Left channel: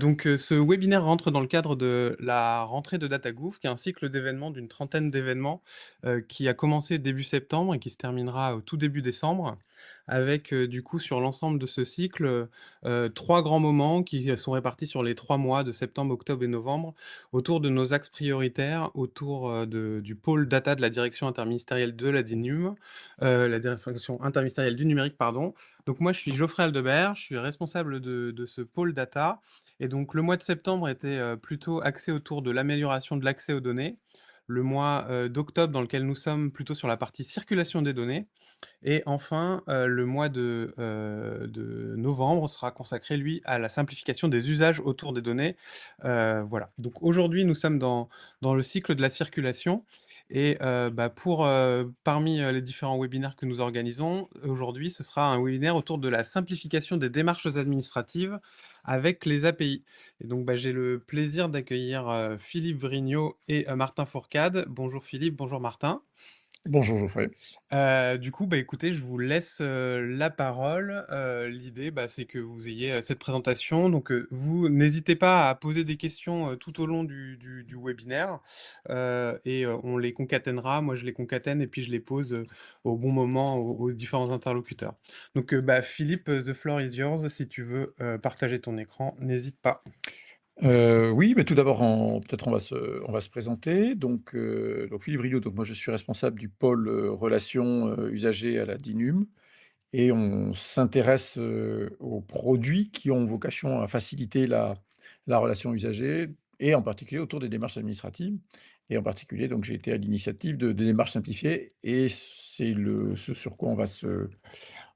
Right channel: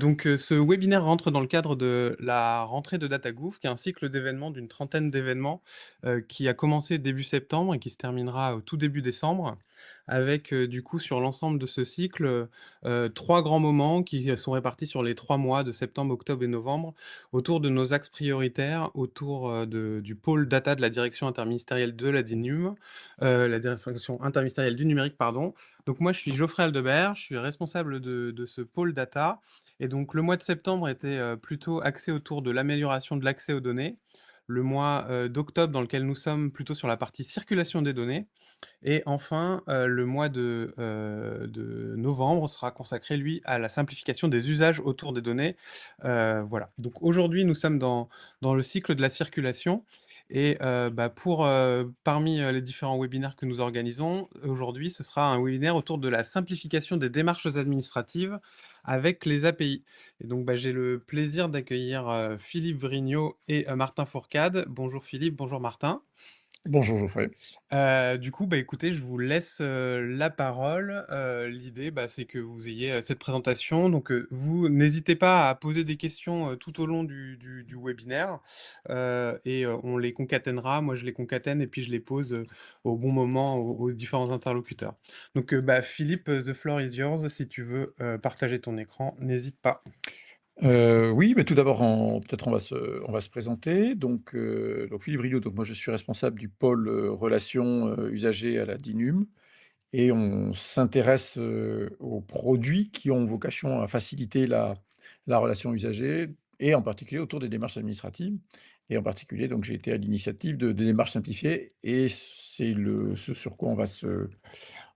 Ce webinaire rentre dans le cadre de la rentrée de DataGouv, qui est un cycle d'événements d'une trentaine d'événements, qui a commencé début septembre et qui se terminera au tout début décembre avec, du coup, sur l'ensemble de ce cycle, 3 grands moments qui sont répartis sur les 3 mois de septembre, octobre et novembre autour de nos axes prioritaires, autour, du pôle data de la direction interministérielle de la DINUM, la direction interministérielle du numérique, pardon. Donc moi, je suis Geoffrey Aldebert, je suis responsable de ce pôle data et donc le mois de septembre était plutôt axé autour de l'amélioration de l'accès aux données. Le mois d'octobre, dans lequel nous sommes, plutôt sur la partie circulation des données. Et enfin, le mois de novembre sera consacré, lui, à la simplification des usages autour des données. Voilà. Donc aujourd'hui, nous sommes dans le cycle de la circulation. Et parmi les différents webinaires que nous organisons, aujourd'hui, ce sera un webinaire autour de la simplification des démarches administratives avec les API. Et donc, j'ai le plaisir d'accueillir Philippe Vrignot et Martin Fourcade. Bonjour Philippe, bonjour Martin. Bonjour Geoffrey. Écoutez, je vous laisse la parole. L'idée, c'est que vous ayez cette présentation. Donc, vous n'hésitez pas à poser des questions tout au long du webinaire on les concatènera. Moi, je les concatène et puis je les pose au bon moment aux différents interlocuteurs. Donc, Philippe, the floor is yours. Si tu veux partager ton écran, n'hésite pas. Oui, mais tout d'abord, peut-être on va se présenter. Donc Philippe Rilliot, donc moi je suis responsable du pôle relations usagers à la DINUM et on s'intéresse aux produits qui ont vocation à faciliter la relation usagée et en particulier autour des démarches administratives. Et en particulier, donc j'ai été à l'initiative de démarches simplifiées et c'est ce sur quoi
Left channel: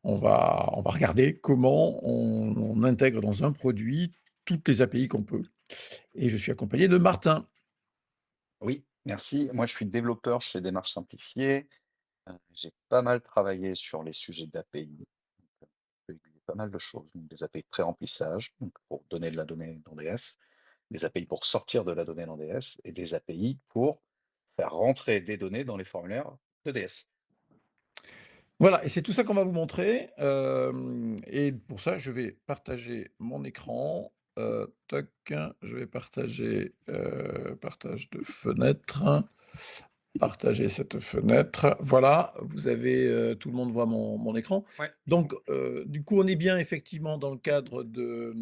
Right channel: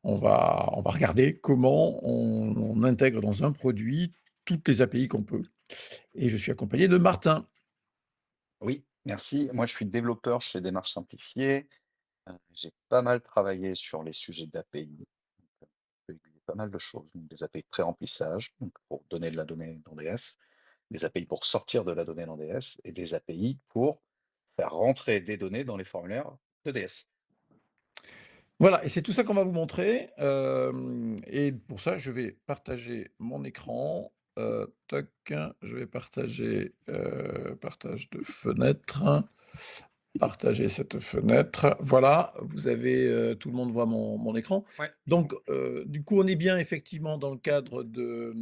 on va regarder comment on intègre dans un produit toutes les API qu'on peut. Et je suis accompagné de Martin. Oui, merci. Moi, je suis développeur chez Démarches Simplifiées. J'ai pas mal travaillé sur les sujets d'API. J'ai aiguillé pas mal de choses. Donc, des API de pré-remplissage, donc pour donner de la donnée dans DS, des API pour sortir de la donnée dans DS et des API pour faire rentrer des données dans les formulaires de DS. Voilà, et c'est tout ça qu'on va vous montrer. Et pour ça, je vais partager mon écran. Toc, je vais partager partage de fenêtre. Partager cette fenêtre. Voilà, vous avez, tout le monde voit mon écran. Ouais. Donc, du coup, on est bien effectivement dans le cadre de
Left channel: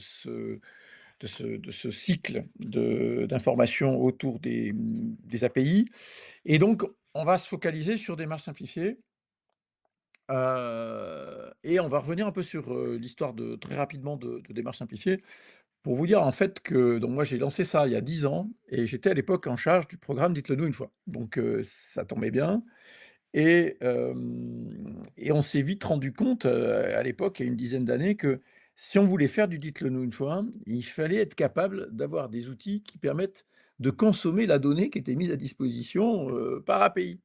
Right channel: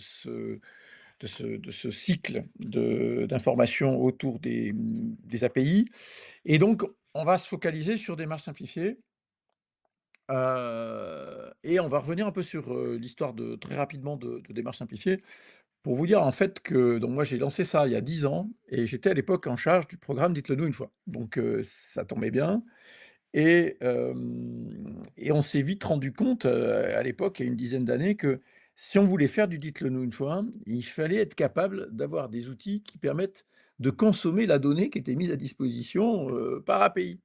ce cycle d'information autour des API. Et donc, on va se focaliser sur des marches simplifiées. Et on va revenir un peu sur l'histoire très rapidement de démarches simplifiées pour vous dire en fait que donc moi j'ai lancé ça il y a 10 ans et j'étais à l'époque en charge du programme Dites-le nous une fois. Donc ça tombait bien et on s'est vite rendu compte à l'époque, il y a une dizaine d'années, que si on voulait faire du Dites-le nous une fois, il fallait être capable d'avoir des outils qui permettent de consommer la donnée qui était mise à disposition par API.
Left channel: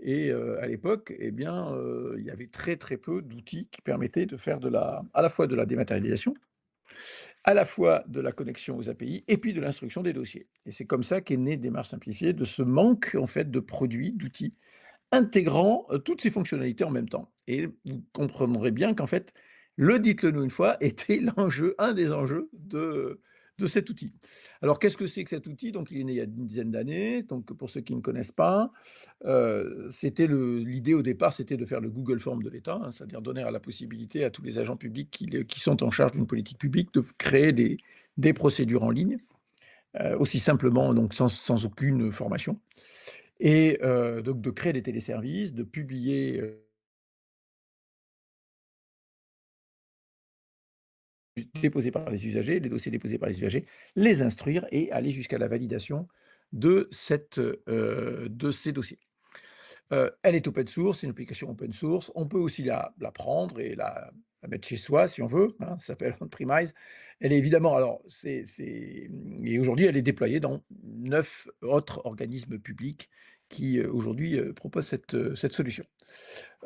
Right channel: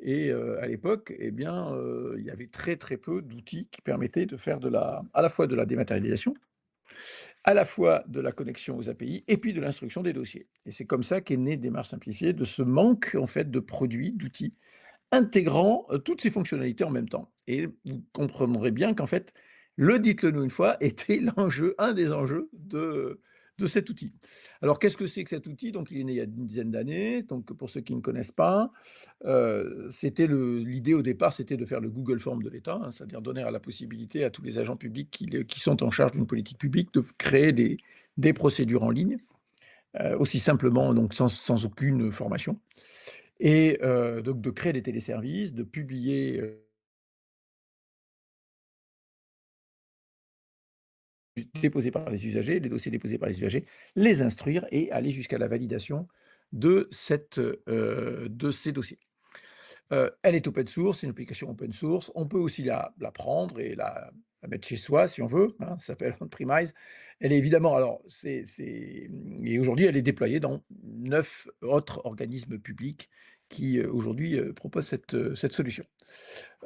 Et à l'époque, eh bien, il y avait très, très peu d'outils qui permettaient de faire à la fois de la dématérialisation, à la fois de la connexion aux API et puis de l'instruction des dossiers. Et c'est comme ça qu'est née Démarche Simplifiée, de ce manque en fait de produits, d'outils intégrant toutes ces fonctionnalités en même temps. Et vous comprendrez bien qu'en fait, le dites-le nous une fois était l'enjeu, un des enjeux de cet outil. Alors, qu'est-ce que c'est que cet outil? Donc, il est né il y a une dizaine d'années. Donc, pour ceux qui ne connaissent pas, l'idée au départ, c'était de faire le Google Form de l'État, hein, c'est-à-dire donner la possibilité à tous les agents publics qui sont en charge d'une politique publique de créer des procédures en ligne, aussi simplement, donc sans aucune formation. Et donc de créer des téléservices, de publier déposés par les usagers, les dossiers déposés par les usagers, les instruire et aller jusqu'à la validation de ces dossiers. Elle est open source, c'est une application open source. On peut aussi la prendre et la mettre chez soi si on veut. Hein, ça s'appelle on-premise. Elle est évidemment, et aujourd'hui, elle est déployée dans 9 autres organismes publics qui aujourd'hui proposent cette solution.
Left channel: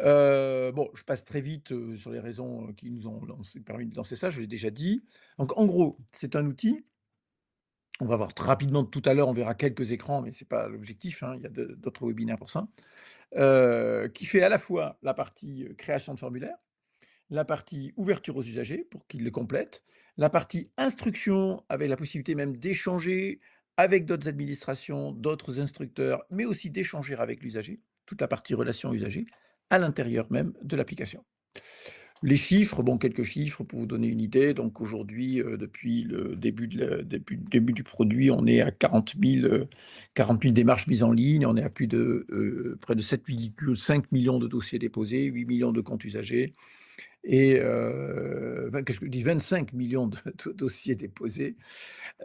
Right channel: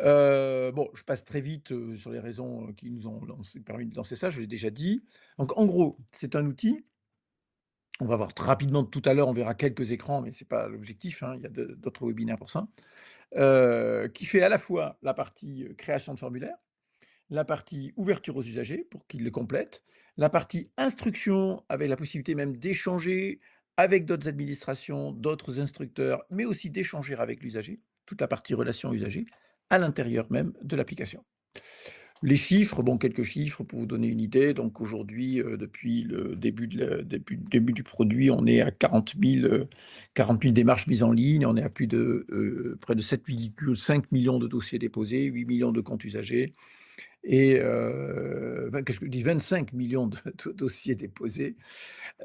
Bon, je passe très vite sur les raisons qui nous ont permis de lancer ça, je l'ai déjà dit. Donc en gros, c'est un outil. On va voir rapidement tout à l'heure, on verra quelques écrans, mais ce n'est pas l'objectif, hein, il y a d'autres webinaires pour ça, qui fait à la fois la partie création de formulaire, la partie ouverture aux usagers pour qu'ils le complètent, La partie instruction, avec la possibilité même d'échanger avec d'autres administrations, d'autres instructeurs, mais aussi d'échanger avec l'usager, toute la partie relation usager, à l'intérieur même de l'application. Les chiffres, bon, quelques chiffres pour vous donner une idée. Donc aujourd'hui, depuis le début du produit, on est à 40 000 démarches mises en ligne. On est à près de 7,5 millions de dossiers déposés, 8 millions de comptes usagers et qu'est-ce que je dis, 25 millions de dossiers déposés.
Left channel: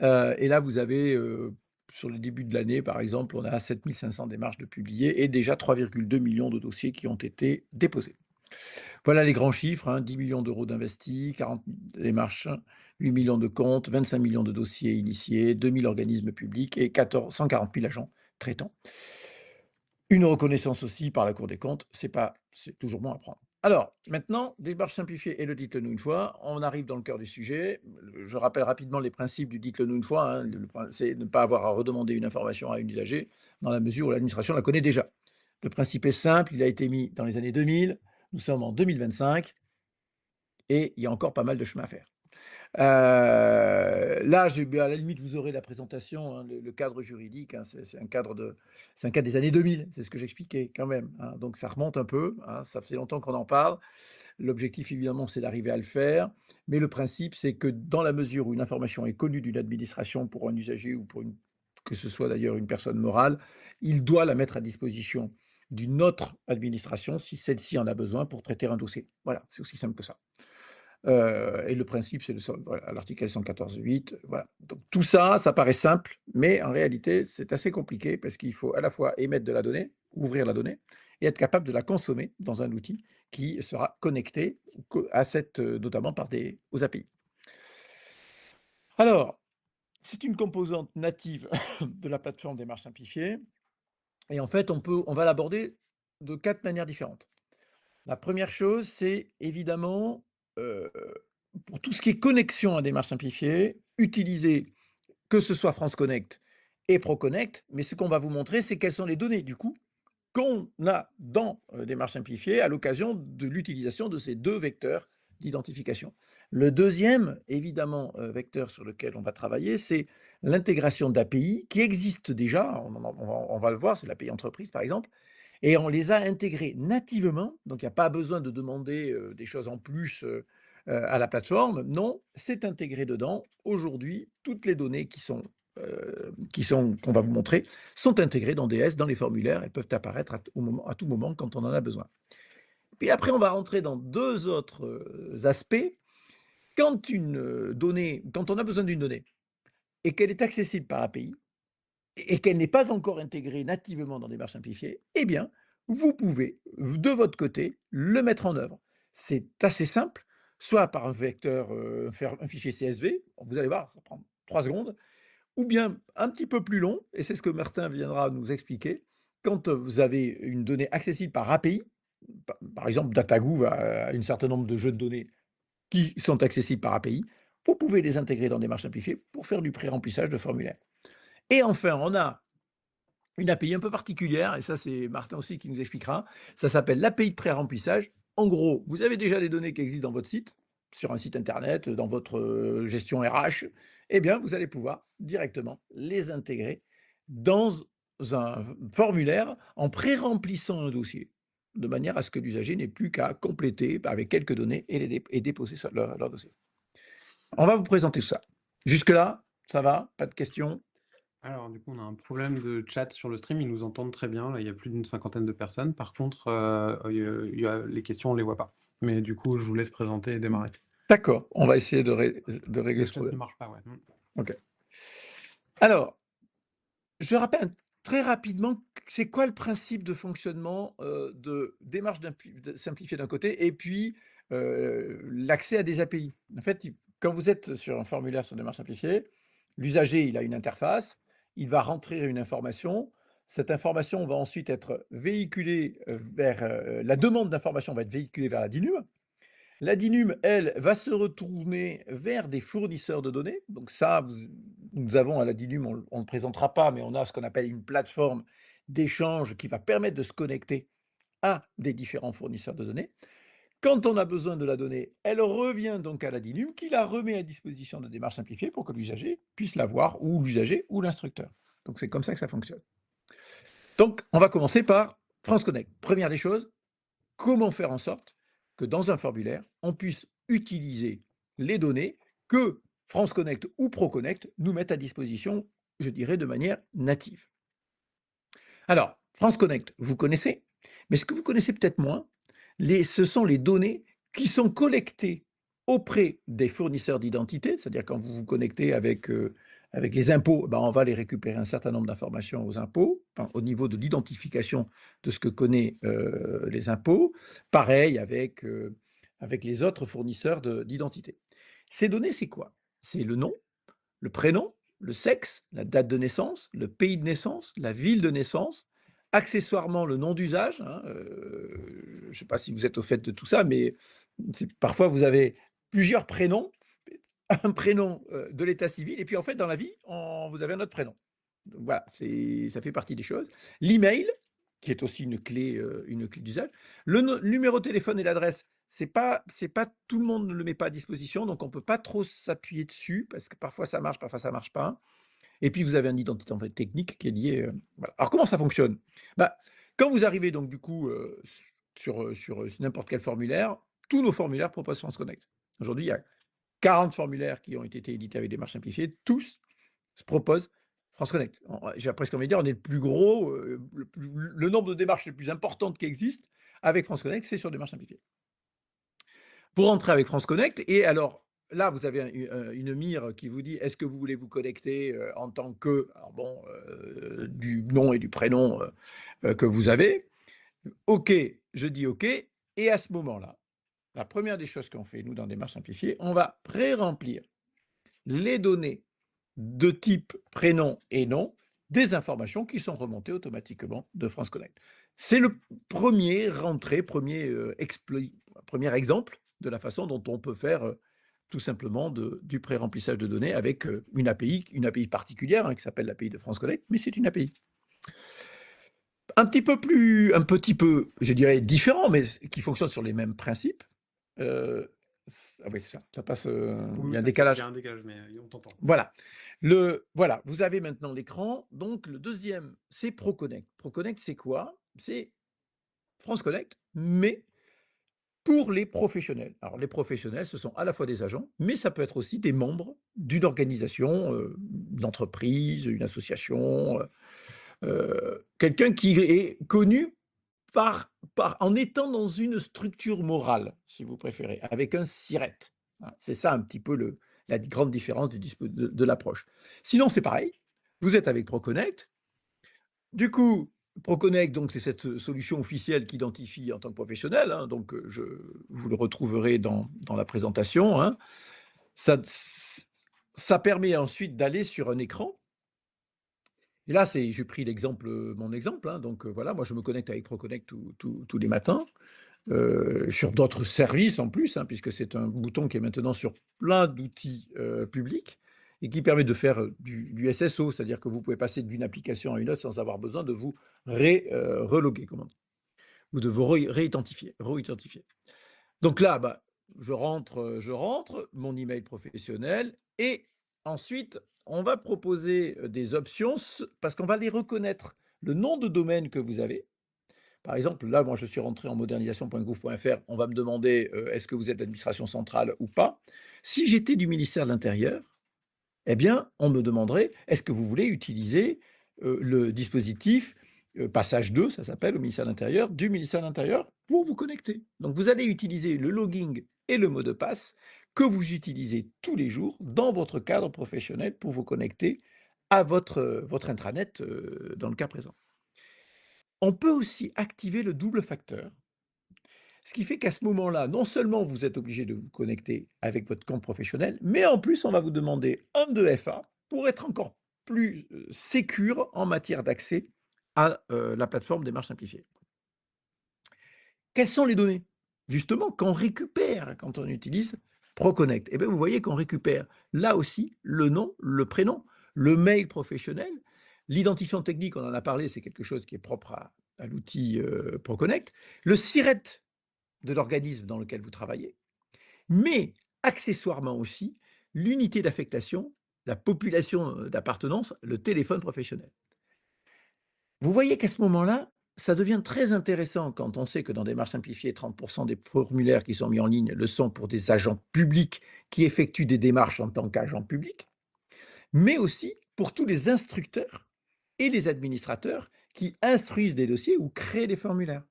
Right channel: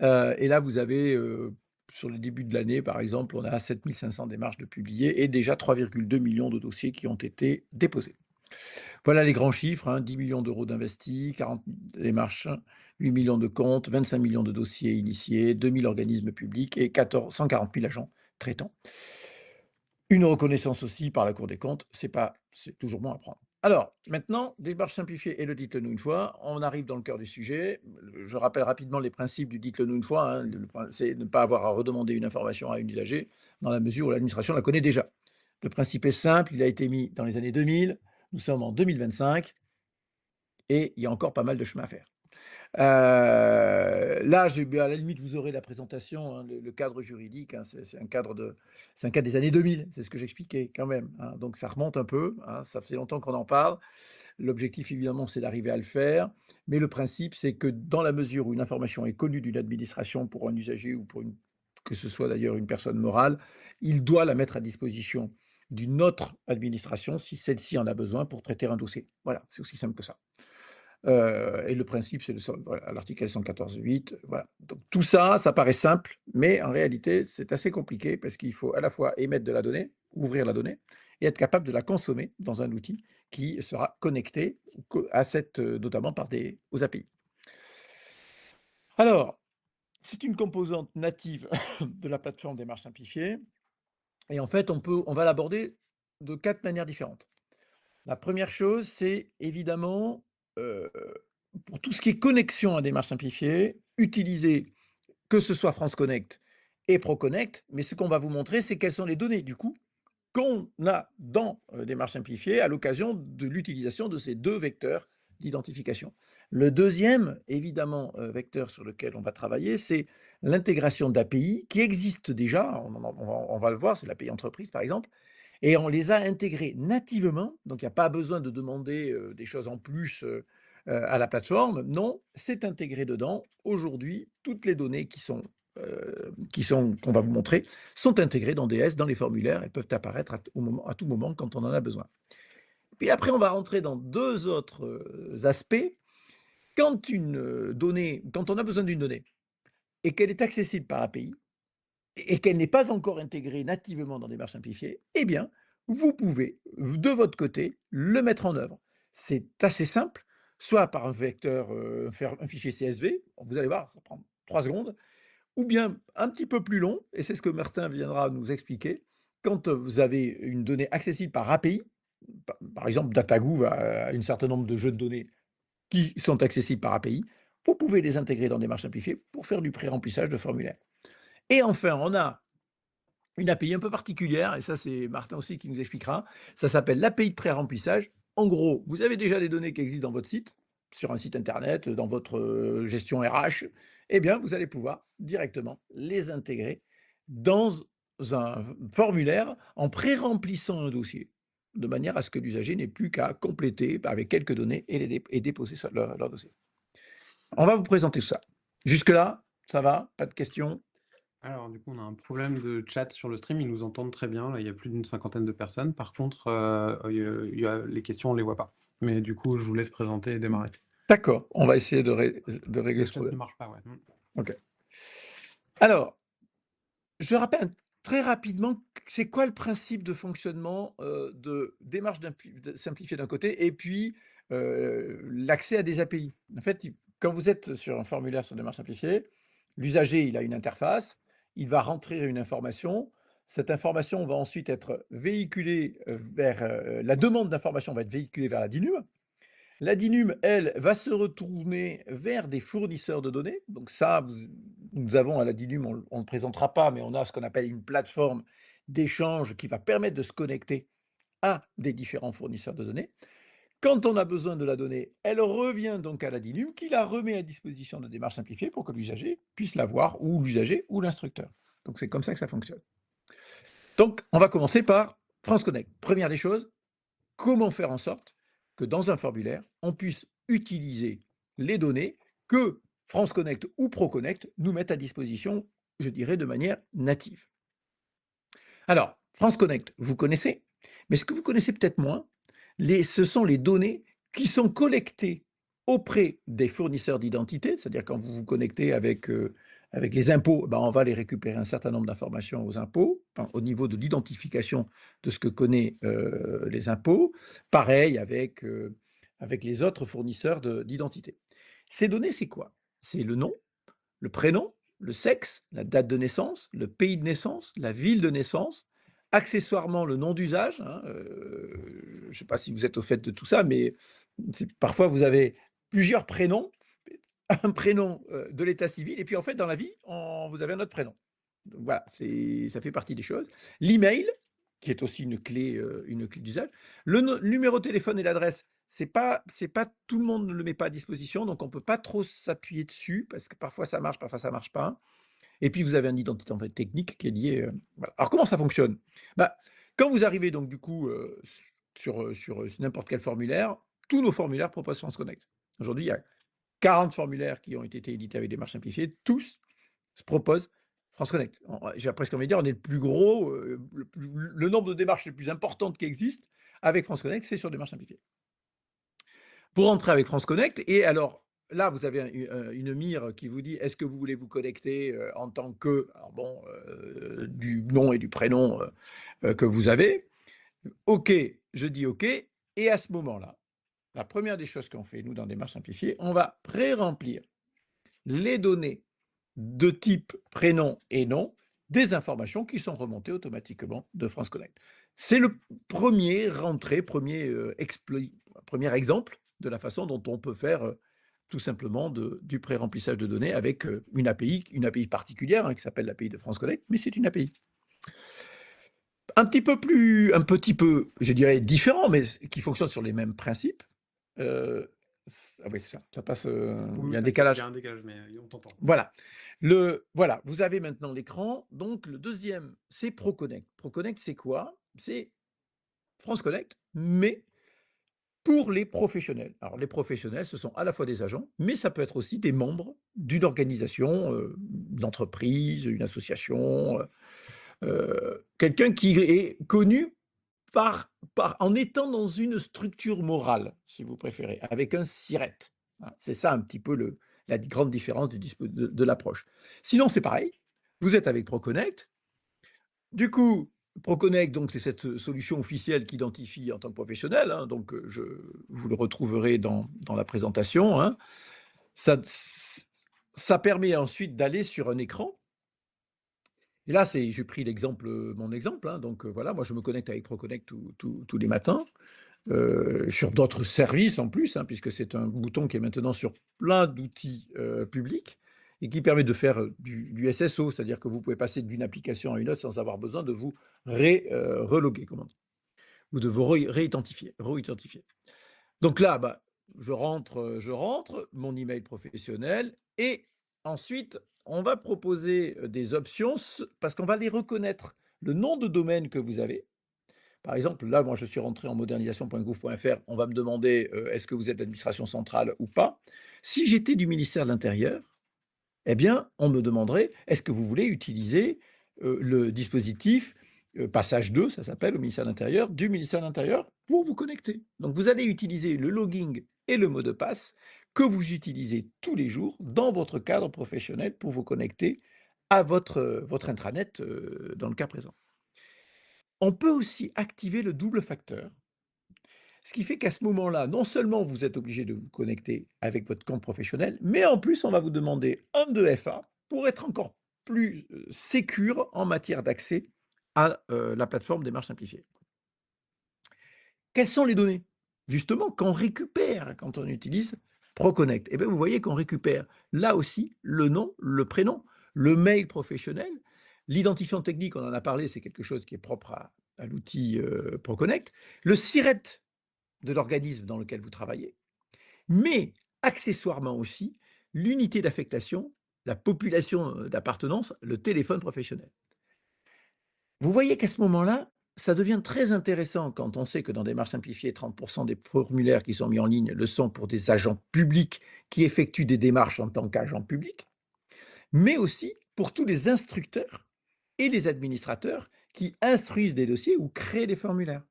Et là, vous avez, sur le début de l'année, par exemple, on a 7 500 démarches de publiées et déjà 3,2 millions de dossiers qui ont été déposés. Voilà les grands chiffres, hein, 10 millions d'euros d'investis, 40 démarches, 8 millions de comptes, 25 millions de dossiers initiés, 2000 organismes publics et 140 000 agents traitants. Une reconnaissance aussi par la Cour des comptes, c'est toujours bon à prendre. Alors, maintenant, démarche simplifiée et le dites-le-nous une fois, on arrive dans le cœur du sujet. Je rappelle rapidement les principes du dites-le-nous une fois, hein. C'est ne pas avoir à redemander une information à un usager dans la mesure où l'administration la connaît déjà. Le principe est simple, il a été mis dans les années 2000, nous sommes en 2025 et il y a encore pas mal de chemin à faire. Là, à la limite, vous aurez la présentation, hein, le cadre juridique, hein, c'est un cadre des années 2000, c'est ce que j'expliquais quand même, hein. Donc ça remonte un peu, hein, ça fait longtemps qu'on en parle. L'objectif, évidemment, c'est d'arriver à le faire, mais le principe, c'est que dans la mesure où une information est connue d'une administration pour un usager ou que ce soit d'ailleurs une personne morale, il doit la mettre à disposition d'une autre administration si celle-ci en a besoin pour traiter un dossier. Voilà, c'est aussi simple que ça. Et le principe, c'est voilà, l'article L114.8. Voilà. Donc tout ça, ça paraît simple, mais en réalité, c'est assez compliqué parce qu'il faut à la fois émettre de la donnée, ouvrir la donnée, et être capable de la consommer dans un outil qui sera connecté à notamment aux API. Alors, c'est une composante native de la plateforme Démarche simplifiée, et en fait, on va l'aborder de 4 manières différentes. La première chose, c'est évidemment, pour tout ce qui est connexion à démarche simplifiée, utiliser que ce soit France Connect et ProConnect, mais ce qu'on va vous montrer, c'est quelles sont les données, du coup, qu'on a dans démarche simplifiée à l'occasion de l'utilisation de ces deux vecteurs d'identification. Le deuxième, évidemment, vecteur sur lequel on va travailler, c'est l'intégration d'API qui existent déjà, on va le voir, c'est l'API entreprise par exemple, et on les a intégrés nativement, donc il n'y a pas besoin de demander des choses en plus à la plateforme. Non, c'est intégré dedans. Aujourd'hui, toutes les données qu'on va vous montrer sont intégrées dans DS, dans les formulaires. Elles peuvent apparaître à tout moment quand on en a besoin. Puis après, on va rentrer dans deux autres aspects. Quand on a besoin d'une donnée et qu'elle est accessible par API, et qu'elle n'est pas encore intégrée nativement dans Démarche simplifiée, eh bien, vous pouvez, de votre côté, le mettre en œuvre. C'est assez simple, soit par un vecteur, faire un fichier CSV, vous allez voir, ça prend 3 secondes, ou bien un petit peu plus long, et c'est ce que Martin viendra nous expliquer, quand vous avez une donnée accessible par API, par exemple DataGouv a un certain nombre de jeux de données qui sont accessibles par API, vous pouvez les intégrer dans Démarche simplifiée pour faire du pré-remplissage de formulaire. Et enfin, on a une API un peu particulière, et ça c'est Martin aussi qui nous expliquera, ça s'appelle l'API de pré-remplissage. En gros, vous avez déjà des données qui existent dans votre site, sur un site internet, dans votre gestion RH, eh bien vous allez pouvoir directement les intégrer dans un formulaire en pré-remplissant un dossier, de manière à ce que l'usager n'ait plus qu'à compléter avec quelques données et déposer leur dossier. On va vous présenter ça. Jusque-là, ça va? Pas de questions? Alors, du coup, on a un problème de chat sur le stream. Ils nous entendent très bien. Là, il y a plus d'une cinquantaine de personnes. Par contre, les questions, on les voit pas. Mais du coup, je vous laisse présenter et démarrer. D'accord, on va essayer de régler ce Le chat ne problème. marche pas, ouais. Ok. Alors, je rappelle très rapidement c'est quoi le principe de fonctionnement de démarche simplifiée d'un côté et puis l'accès à des API. En fait, quand vous êtes sur un formulaire sur démarche simplifiée, l'usager il a une interface, il va rentrer une information. Cette information va ensuite être véhiculée la demande d'information va être véhiculée vers la DINUM. La DINUM, elle, va se retourner vers des fournisseurs de données. Donc ça, nous avons à la DINUM, on ne le présentera pas, mais on a ce qu'on appelle une plateforme d'échange qui va permettre de se connecter à des différents fournisseurs de données. Quand on a besoin de la donnée, elle revient donc à la DINUM qui la remet à disposition de démarche simplifiée pour que l'usager puisse la voir, ou l'usager ou l'instructeur. Donc c'est comme ça que ça fonctionne. Donc on va commencer par France Connect. Première des choses, comment faire en sorte que dans un formulaire, on puisse utiliser les données que France Connect ou ProConnect nous mettent à disposition, je dirais, de manière native. Alors, France Connect, vous connaissez, mais ce que vous connaissez peut-être moins, ce sont les données qui sont collectées auprès des fournisseurs d'identité, c'est-à-dire quand vous vous connectez avec les impôts, ben on va les récupérer un certain nombre d'informations aux impôts, enfin, au niveau de l'identification de ce que connaissent les impôts. Pareil avec les autres fournisseurs d'identité. Ces données, c'est quoi? C'est le nom, le prénom, le sexe, la date de naissance, le pays de naissance, la ville de naissance, accessoirement le nom d'usage. Je ne sais pas si vous êtes au fait de tout ça, mais parfois vous avez plusieurs prénoms, un prénom de l'état civil, et puis en fait dans la vie, vous avez un autre prénom. Donc voilà, ça fait partie des choses. L'email, qui est aussi une clé d'usage. Le numéro de téléphone et l'adresse, c'est pas tout le monde ne le met pas à disposition, donc on peut pas trop s'appuyer dessus parce que parfois ça marche pas. Et puis vous avez un identité en fait, technique qui est lié. Voilà. Alors comment ça fonctionne? Bah, quand vous arrivez donc du coup sur n'importe quel formulaire, tous nos formulaires proposent France Connect. Aujourd'hui, il y a 40 formulaires qui ont été édités avec des démarche simplifiée, tous se proposent France Connect. J'ai presque envie de dire, on est le plus gros, le nombre de démarches les plus importantes qui existent avec France Connect, c'est sur démarche simplifiée. Pour entrer avec France Connect, et alors là, vous avez une mire qui vous dit est-ce que vous voulez vous connecter en tant que, du nom et du prénom que vous avez. OK, je dis OK, et à ce moment-là, la première des choses qu'on fait, nous, dans Démarche Simplifiée, on va pré-remplir les données de type prénom et nom des informations qui sont remontées automatiquement de France Connect. C'est le premier exemple de la façon dont on peut faire tout simplement du pré-remplissage de données avec une API particulière qui s'appelle l'API de France Connect, mais c'est une API. Un petit peu, je dirais, différent, mais qui fonctionne sur les mêmes principes. Ah oui, ça passe. Il y a un décalage. Il y a un décalage, mais on t'entend. Voilà. Voilà, vous avez maintenant l'écran. Donc, le deuxième, c'est ProConnect. ProConnect, c'est quoi? C'est France Connect, mais pour les professionnels. Alors, les professionnels, ce sont à la fois des agents, mais ça peut être aussi des membres d'une organisation, d'entreprise, une association, quelqu'un qui est connu en étant dans une structure morale, si vous préférez, avec un SIRET. C'est ça un petit peu la grande différence de l'approche. Sinon, c'est pareil. Vous êtes avec ProConnect. Du coup, ProConnect, donc, c'est cette solution officielle qui identifie en tant que professionnel. Donc, vous le retrouverez dans la présentation. Ça permet ensuite d'aller sur un écran. Et là, j'ai pris mon exemple. Donc voilà, moi je me connecte avec ProConnect tous les matins, sur d'autres services en plus, puisque c'est un bouton qui est maintenant sur plein d'outils publics et qui permet de faire du SSO, c'est-à-dire que vous pouvez passer d'une application à une autre sans avoir besoin de vous reloguer, comment dire, ou de vous réidentifier. Donc là, je rentre mon email professionnel et ensuite, on va proposer des options parce qu'on va les reconnaître. Le nom de domaine que vous avez. Par exemple, là, moi, je suis rentré en modernisation.gouv.fr. On va me demander est-ce que vous êtes l'administration centrale ou pas. Si j'étais du ministère de l'Intérieur, eh bien, on me demanderait est-ce que vous voulez utiliser le dispositif passage 2, ça s'appelle, au ministère de l'Intérieur, du ministère de l'Intérieur pour vous connecter. Donc, vous allez utiliser le logging et le mot de passe que vous utilisez tous les jours dans votre cadre professionnel pour vous connecter à votre intranet dans le cas présent. On peut aussi activer le double facteur, ce qui fait qu'à ce moment-là, non seulement vous êtes obligé de vous connecter avec votre compte professionnel, mais en plus, on va vous demander un 2FA pour être encore plus sécure en matière d'accès à la plateforme Démarche Simplifiée. Quelles sont les données? Justement, qu'on récupère quand on utilise ProConnect. Et bien, vous voyez qu'on récupère là aussi le nom, le prénom, le mail professionnel, l'identifiant technique, on en a parlé, c'est quelque chose qui est propre à l'outil ProConnect, le SIRET. de l'organisme dans lequel vous travaillez, mais accessoirement aussi l'unité d'affectation, la population d'appartenance, le téléphone professionnel. Vous voyez qu'à ce moment-là, ça devient très intéressant quand on sait que dans Démarches simplifiées, 30% des formulaires qui sont mis en ligne le sont pour des agents publics qui effectuent des démarches en tant qu'agents publics, mais aussi pour tous les instructeurs et les administrateurs qui instruisent des dossiers ou créent des formulaires.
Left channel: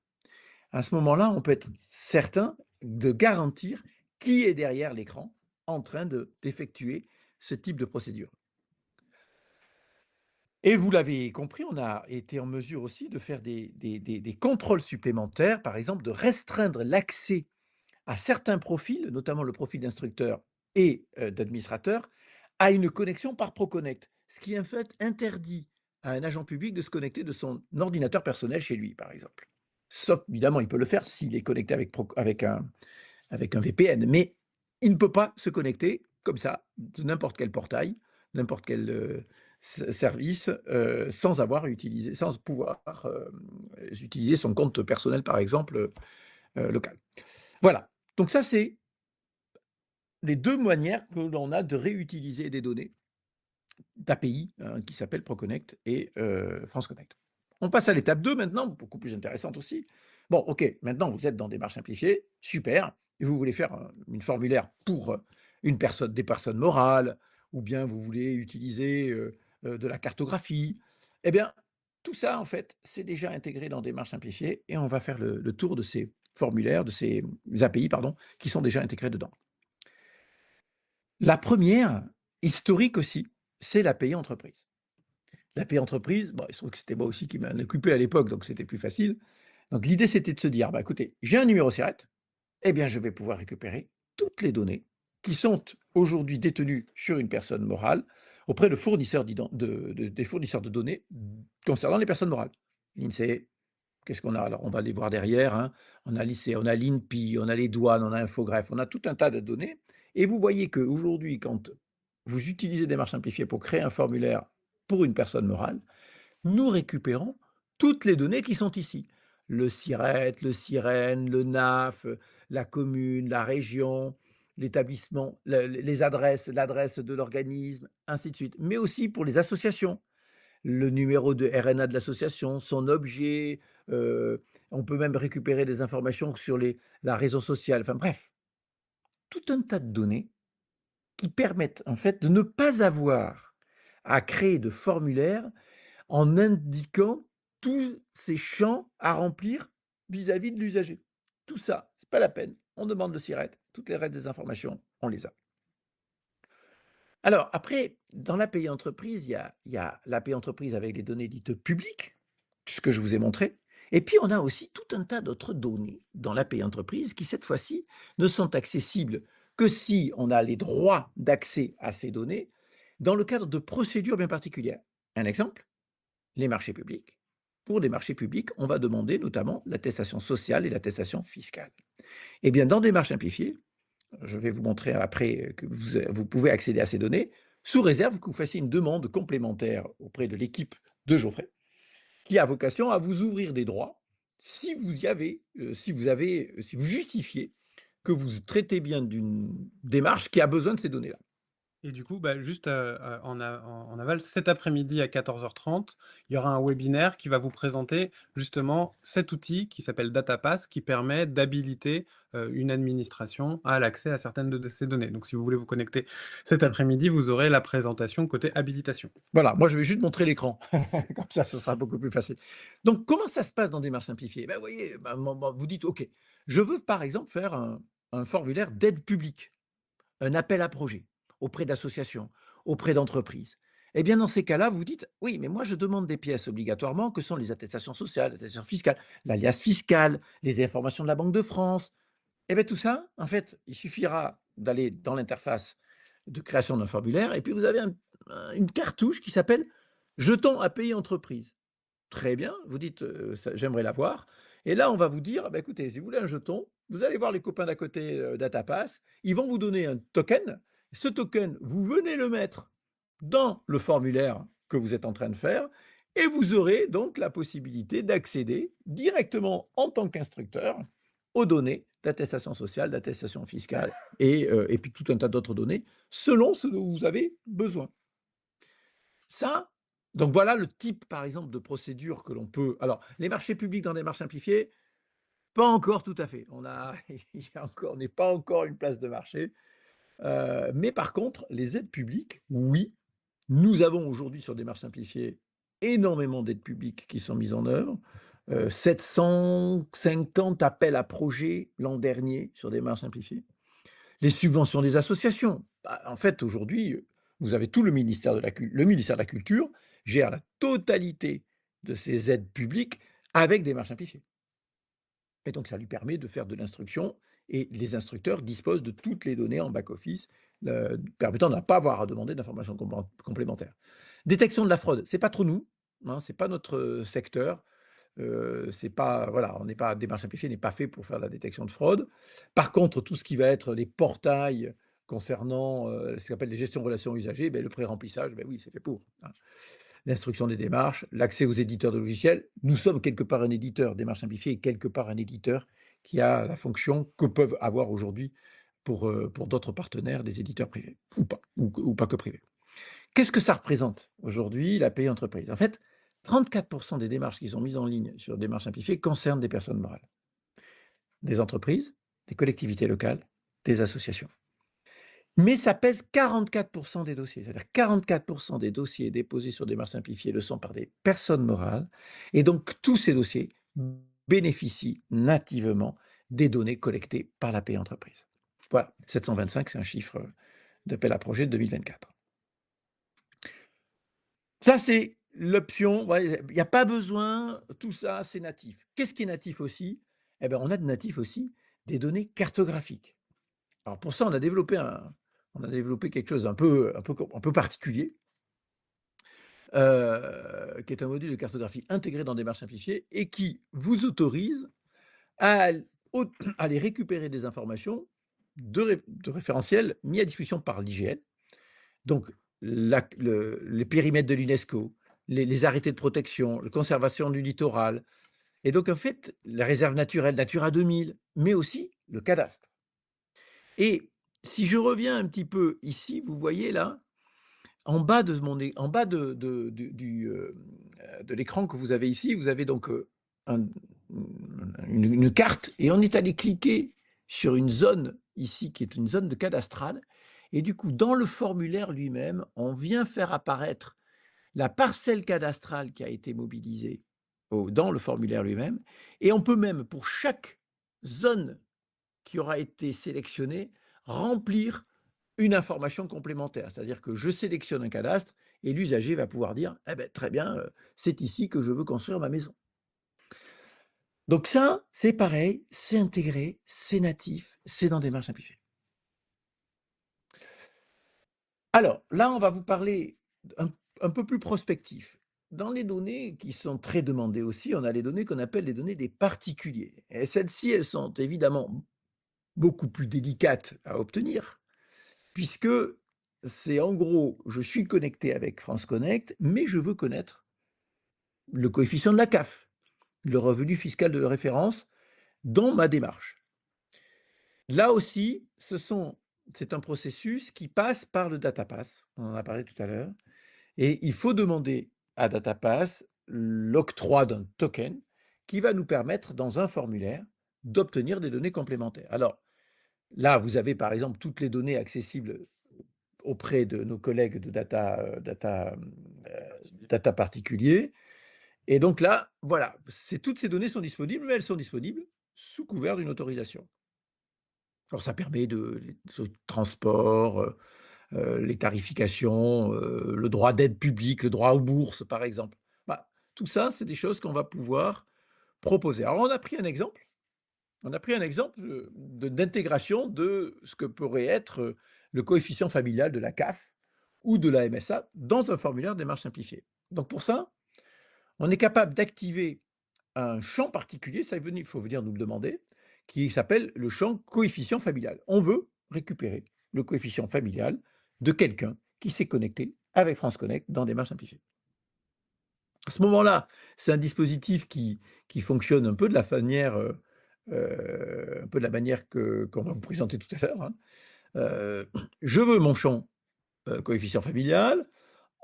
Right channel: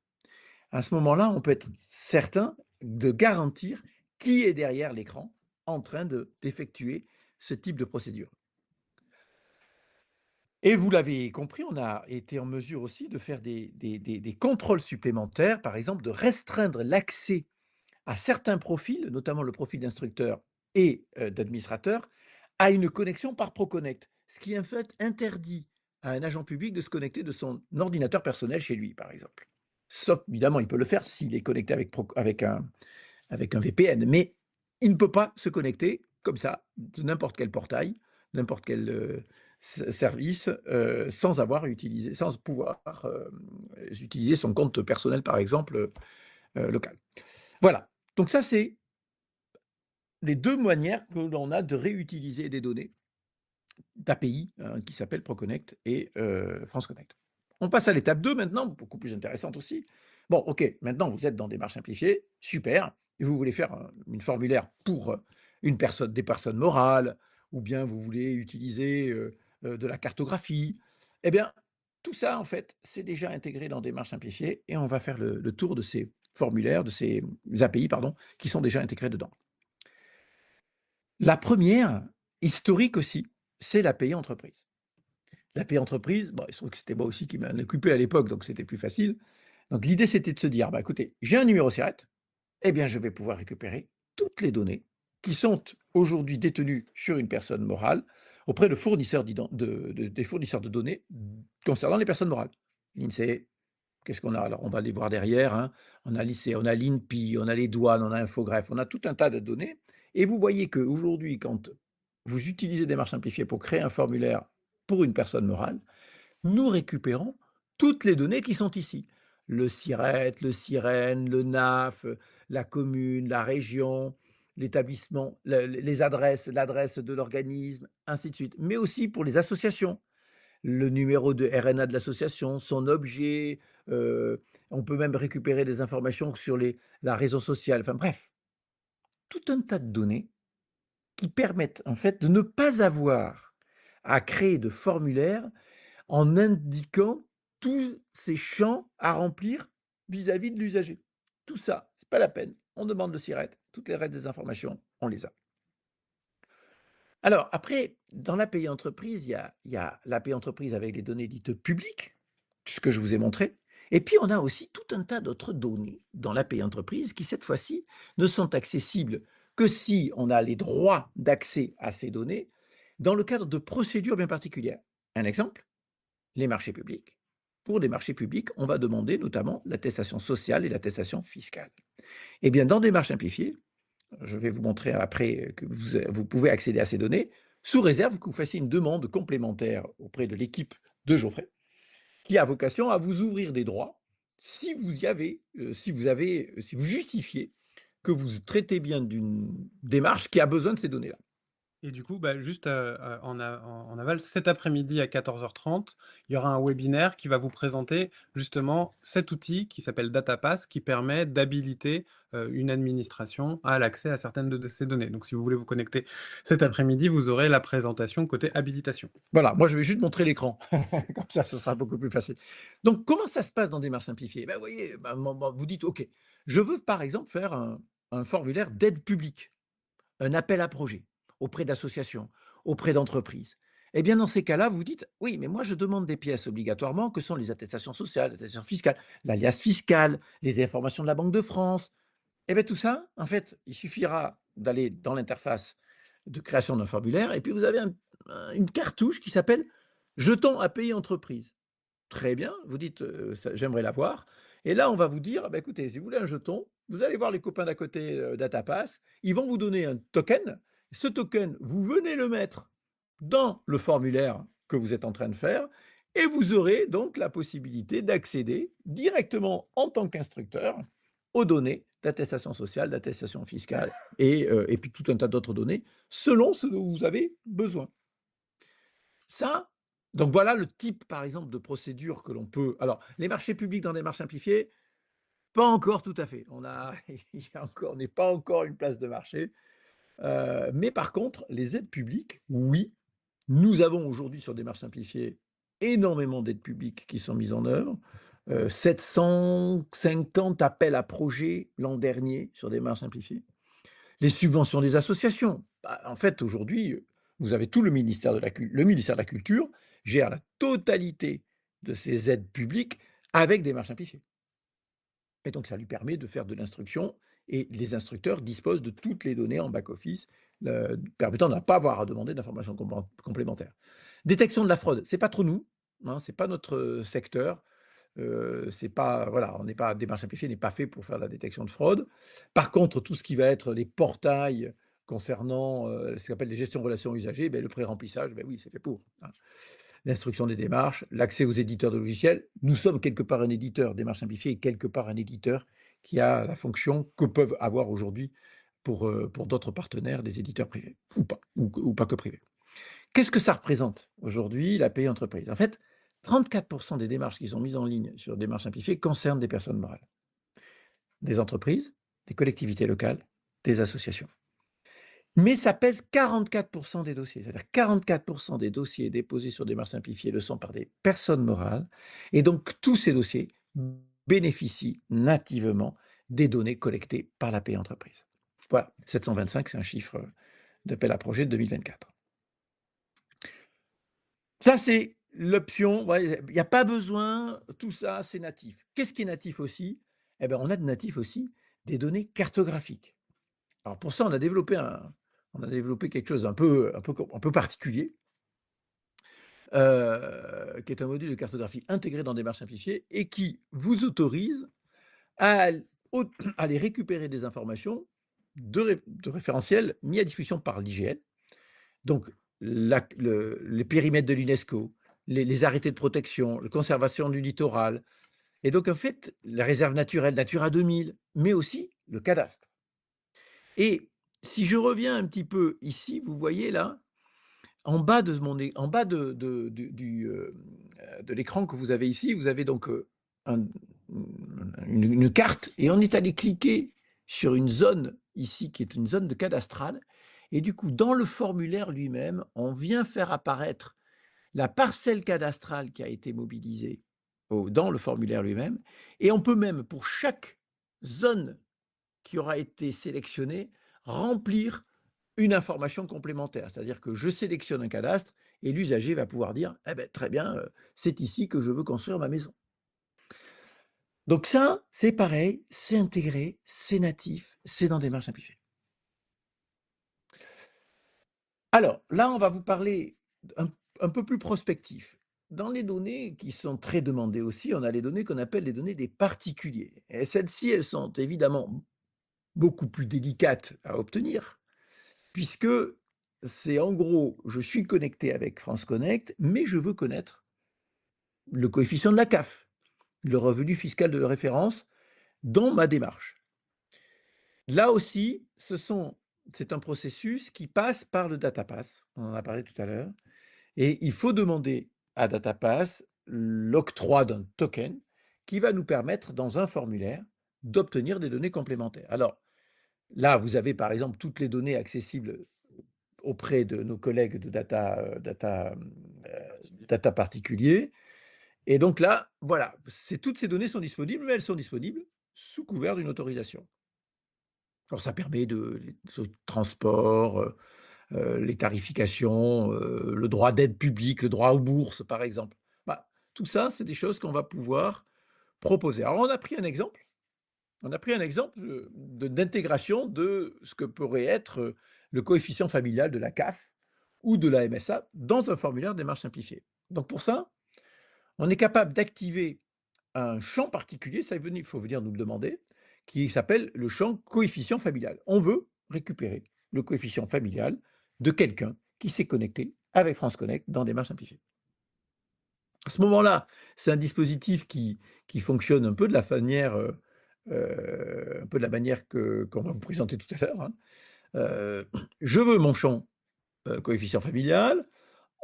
À ce moment-là, on peut être certain de garantir qui est derrière l'écran en train d'effectuer ce type de procédure. Et vous l'avez compris, on a été en mesure aussi de faire des contrôles supplémentaires, par exemple de restreindre l'accès à certains profils, notamment le profil d'instructeur et d'administrateur, à une connexion par Proconnect, ce qui en fait interdit à un agent public de se connecter de son ordinateur personnel chez lui, par exemple. Sauf, évidemment, il peut le faire s'il est connecté avec un VPN, mais il ne peut pas se connecter comme ça, de n'importe quel portail, n'importe quel service, sans pouvoir utiliser son compte personnel, par exemple, local. Voilà. Donc ça, c'est les deux manières que l'on a de réutiliser des données d'API qui s'appellent Proconnect et France Connect. On passe à l'étape 2 maintenant, beaucoup plus intéressante aussi. Bon, ok, maintenant vous êtes dans Démarches simplifiées, super, et vous voulez faire une formulaire pour des personnes morales, ou bien vous voulez utiliser de la cartographie. Eh bien, tout ça, en fait, c'est déjà intégré dans Démarches simplifiées, et on va faire le tour de ces formulaires, de ces API, pardon, qui sont déjà intégrés dedans. La première, historique aussi, c'est l'API entreprise. L'API entreprise, bon, il se trouve que c'était moi aussi qui m'en occupais à l'époque, donc c'était plus facile. Donc l'idée, c'était de se dire, bah, écoutez, j'ai un numéro SIRET, eh bien, je vais pouvoir récupérer toutes les données qui sont aujourd'hui détenues sur une personne morale auprès de fournisseurs des fournisseurs de données concernant les personnes morales. L'INSEE, qu'est-ce qu'on a? Alors, on va les voir derrière, hein. On a l'INSEE, on a l'INPI, on a les douanes, on a Infogreffe, on a tout un tas de données. Et vous voyez qu'aujourd'hui, quand vous utilisez Démarches simplifiées pour créer un formulaire pour une personne morale, nous récupérons toutes les données qui sont ici. Le SIRET, le SIREN, le NAF, la commune, la région, l'établissement, les adresses, l'adresse de l'organisme, ainsi de suite. Mais aussi pour les associations, le numéro de RNA de l'association, son objet, on peut même récupérer des informations sur la réseau social, enfin bref, tout un tas de données qui permettent en fait de ne pas avoir à créer de formulaires en indiquant tous ces champs à remplir vis-à-vis de l'usager. Tout ça, c'est pas la peine. On demande le SIRET, toutes les restes des informations, on les a. Alors après, dans l'API entreprise, il y a l'API entreprise avec les données dites publiques, ce que je vous ai montré. Et puis on a aussi tout un tas d'autres données dans l'API entreprise qui, cette fois-ci, ne sont accessibles que si on a les droits d'accès à ces données dans le cadre de procédures bien particulières. Un exemple, les marchés publics. Pour les marchés publics, on va demander notamment l'attestation sociale et l'attestation fiscale. Eh bien, dans Démarches simplifiées, je vais vous montrer après que vous pouvez accéder à ces données, sous réserve que vous fassiez une demande complémentaire auprès de l'équipe de Geoffrey, qui a vocation à vous ouvrir des droits si vous si vous justifiez que vous traitez bien d'une démarche qui a besoin de ces données-là. Et du coup, bah, juste en aval, cet après-midi à 14h30, il y aura un webinaire qui va vous présenter justement cet outil qui s'appelle DataPass, qui permet d'habiliter une administration à l'accès à certaines de ces données. Donc, si vous voulez vous connecter cet après-midi, vous aurez la présentation côté habilitation. Voilà, moi je vais juste montrer l'écran, comme ça ce sera beaucoup plus facile. Donc comment ça se passe dans Démarches simplifiées? Ben, vous voyez, vous dites, ok, je veux par exemple faire un formulaire d'aide publique, un appel à projet auprès d'associations, auprès d'entreprises. Eh bien, dans ces cas-là, vous dites, oui, mais moi, je demande des pièces obligatoirement, que sont les attestations sociales, les attestations fiscales, l'alias fiscal, les informations de la Banque de France. Eh bien, tout ça, en fait, il suffira d'aller dans l'interface de création d'un formulaire, et puis vous avez une cartouche qui s'appelle jeton API entreprise. Très bien, vous dites, j'aimerais l'avoir. Et là, on va vous dire, bah, écoutez, si vous voulez un jeton, vous allez voir les copains d'à côté DataPass, ils vont vous donner un token. Ce token, vous venez le mettre dans le formulaire que vous êtes en train de faire, et vous aurez donc la possibilité d'accéder directement en tant qu'instructeur aux données d'attestation sociale, d'attestation fiscale et puis tout un tas d'autres données selon ce dont vous avez besoin. Ça, donc voilà le type, par exemple, de procédure que l'on peut. Alors, les marchés publics dans des marches simplifiées, pas encore tout à fait. On n'est pas encore une place de marché. Mais par contre, les aides publiques, oui, nous avons aujourd'hui sur des marches simplifiées énormément d'aides publiques qui sont mises en œuvre. 750 appels à projets l'an dernier sur des marches simplifiées. Les subventions des associations. Bah, en fait, aujourd'hui, vous avez tout le ministère de la Culture gère la totalité de ces aides publiques avec des marches simplifiées. Et donc, ça lui permet de faire de l'instruction et les instructeurs disposent de toutes les données en back-office, permettant de ne pas avoir à demander d'informations complémentaires. Détection de la fraude, c'est pas trop nous, hein, c'est pas notre secteur. C'est pas, voilà, on n'est pas, démarche simplifiée n'est pas fait pour faire de la détection de fraude. Par contre, tout ce qui va être les portails concernant ce qu'on appelle les gestions relations usagers, ben, le pré-remplissage, ben oui, c'est fait pour, hein. L'instruction des démarches, l'accès aux éditeurs de logiciels. Nous sommes quelque part un éditeur, démarche simplifiée, et quelque part un éditeur qui a la fonction que peuvent avoir aujourd'hui pour d'autres partenaires, des éditeurs privés, ou pas que privés. Qu'est-ce que ça représente aujourd'hui, l'API entreprise? En fait, 34% des démarches qui sont mises en ligne sur démarches simplifiées concernent des personnes morales, des entreprises, des collectivités locales, des associations. Mais ça pèse 44% des dossiers. C'est-à-dire 44% des dossiers déposés sur démarches simplifiées le sont par des personnes morales. Et donc, tous ces dossiers bénéficient nativement des données collectées par l'API entreprise. Voilà, 725, c'est un chiffre d'appel à projet de 2024. Ça, c'est l'option. Ouais, il n'y a pas besoin, tout ça, c'est natif. Qu'est-ce qui est natif aussi? Eh bien, on a de natif aussi des données cartographiques. Alors, pour ça, on a développé quelque chose un peu particulier, qui est un module de cartographie intégré dans Démarche simplifiée et qui vous autorise à, à aller récupérer des informations de référentiels mis à disposition par l'IGN. Donc, les périmètres de l'UNESCO, les arrêtés de protection, la conservation du littoral, et donc en fait, la réserve naturelle Natura 2000, mais aussi le cadastre. Et si je reviens un petit peu ici, vous voyez là, en bas de l'écran que vous avez ici, vous avez donc une carte, et on est allé cliquer sur une zone ici qui est une zone de cadastrale. Et du coup, dans le formulaire lui-même, on vient faire apparaître la parcelle cadastrale qui a été mobilisée dans le formulaire lui-même. Et on peut même, pour chaque zone qui aura été sélectionnée, remplir une information complémentaire. C'est-à-dire que je sélectionne un cadastre et l'usager va pouvoir dire eh ben, très bien, c'est ici que je veux construire ma maison. Donc ça, c'est pareil, c'est intégré, c'est natif, c'est dans Démarche simplifiée. Alors, là, on va vous parler un peu plus prospectif. Dans les données qui sont très demandées aussi, on a les données qu'on appelle les données des particuliers. Et celles-ci, elles sont évidemment beaucoup plus délicates à obtenir, puisque c'est en gros, je suis connecté avec France Connect, mais je veux connaître le coefficient de la CAF, le revenu fiscal de référence, dans ma démarche. Là aussi, c'est un processus qui passe par le DataPass, on en a parlé tout à l'heure, et il faut demander à DataPass l'octroi d'un token qui va nous permettre, dans un formulaire, d'obtenir des données complémentaires. Alors, là, vous avez par exemple toutes les données accessibles auprès de nos collègues de data particuliers. Et donc là, voilà, toutes ces données sont disponibles, mais elles sont disponibles sous couvert d'une autorisation. Alors ça permet de transport, les tarifications, le droit d'aide publique, le droit aux bourses, par exemple. Bah, tout ça, c'est des choses qu'on va pouvoir proposer. Alors, on a pris un exemple. On a pris un exemple d'intégration de ce que pourrait être le coefficient familial de la CAF ou de la MSA dans un formulaire démarche simplifiée. Donc pour ça, on est capable d'activer un champ particulier, ça il faut venir nous le demander, qui s'appelle le champ coefficient familial. On veut récupérer le coefficient familial de quelqu'un qui s'est connecté avec France Connect dans Démarche simplifiée. À ce moment-là, c'est un dispositif qui fonctionne un peu de la manière un peu de la manière qu'on va vous présenter tout à l'heure, hein. Je veux mon champ, coefficient familial.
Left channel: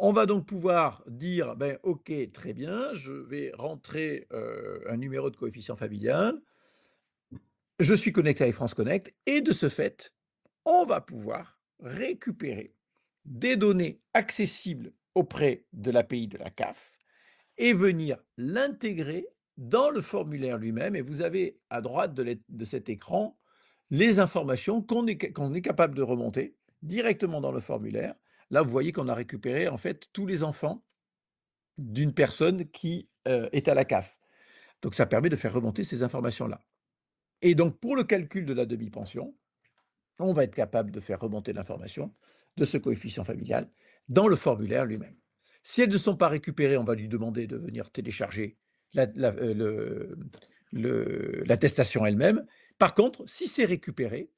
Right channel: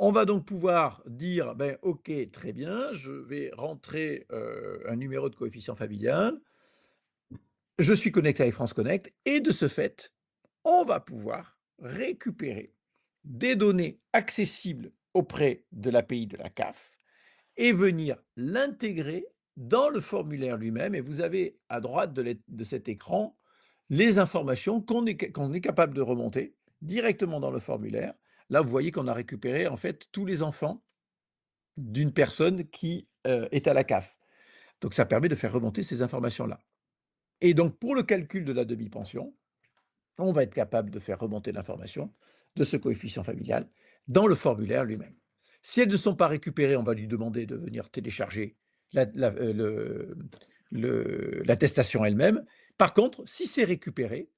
On va donc pouvoir dire: «Ben, OK, très bien, je vais rentrer, un numéro de coefficient familial. Je suis connecté avec France Connect» et de ce fait, on va pouvoir récupérer des données accessibles auprès de l'API de la CAF et venir l'intégrer dans le formulaire lui-même. Et vous avez à droite de cet écran les informations qu'on est capable de remonter directement dans le formulaire. Là, vous voyez qu'on a récupéré en fait tous les enfants d'une personne qui est à la CAF. Donc ça permet de faire remonter ces informations-là. Et donc pour le calcul de la demi-pension, on va être capable de faire remonter l'information de ce coefficient familial dans le formulaire lui-même. Si elles ne sont pas récupérées, on va lui demander de venir télécharger l'attestation elle-même. Par contre, si c'est récupéré,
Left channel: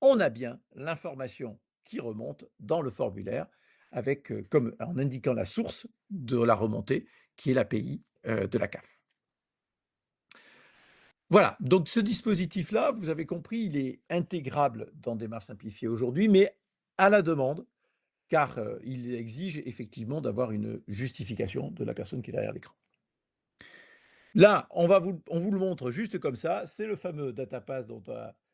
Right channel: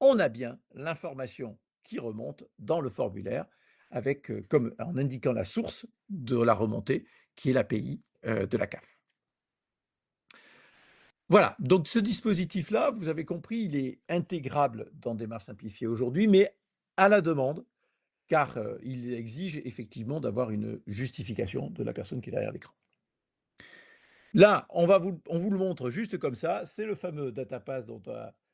on a bien l'information qui remonte dans le formulaire avec, comme en indiquant la source de la remontée qui est l'API de la CAF. Voilà, donc ce dispositif-là, vous avez compris, il est intégrable dans Démarche simplifiée aujourd'hui, mais à la demande, car il exige effectivement d'avoir une justification de la personne qui est derrière l'écran. Là, on vous le montre juste comme ça, c'est le fameux DataPass dont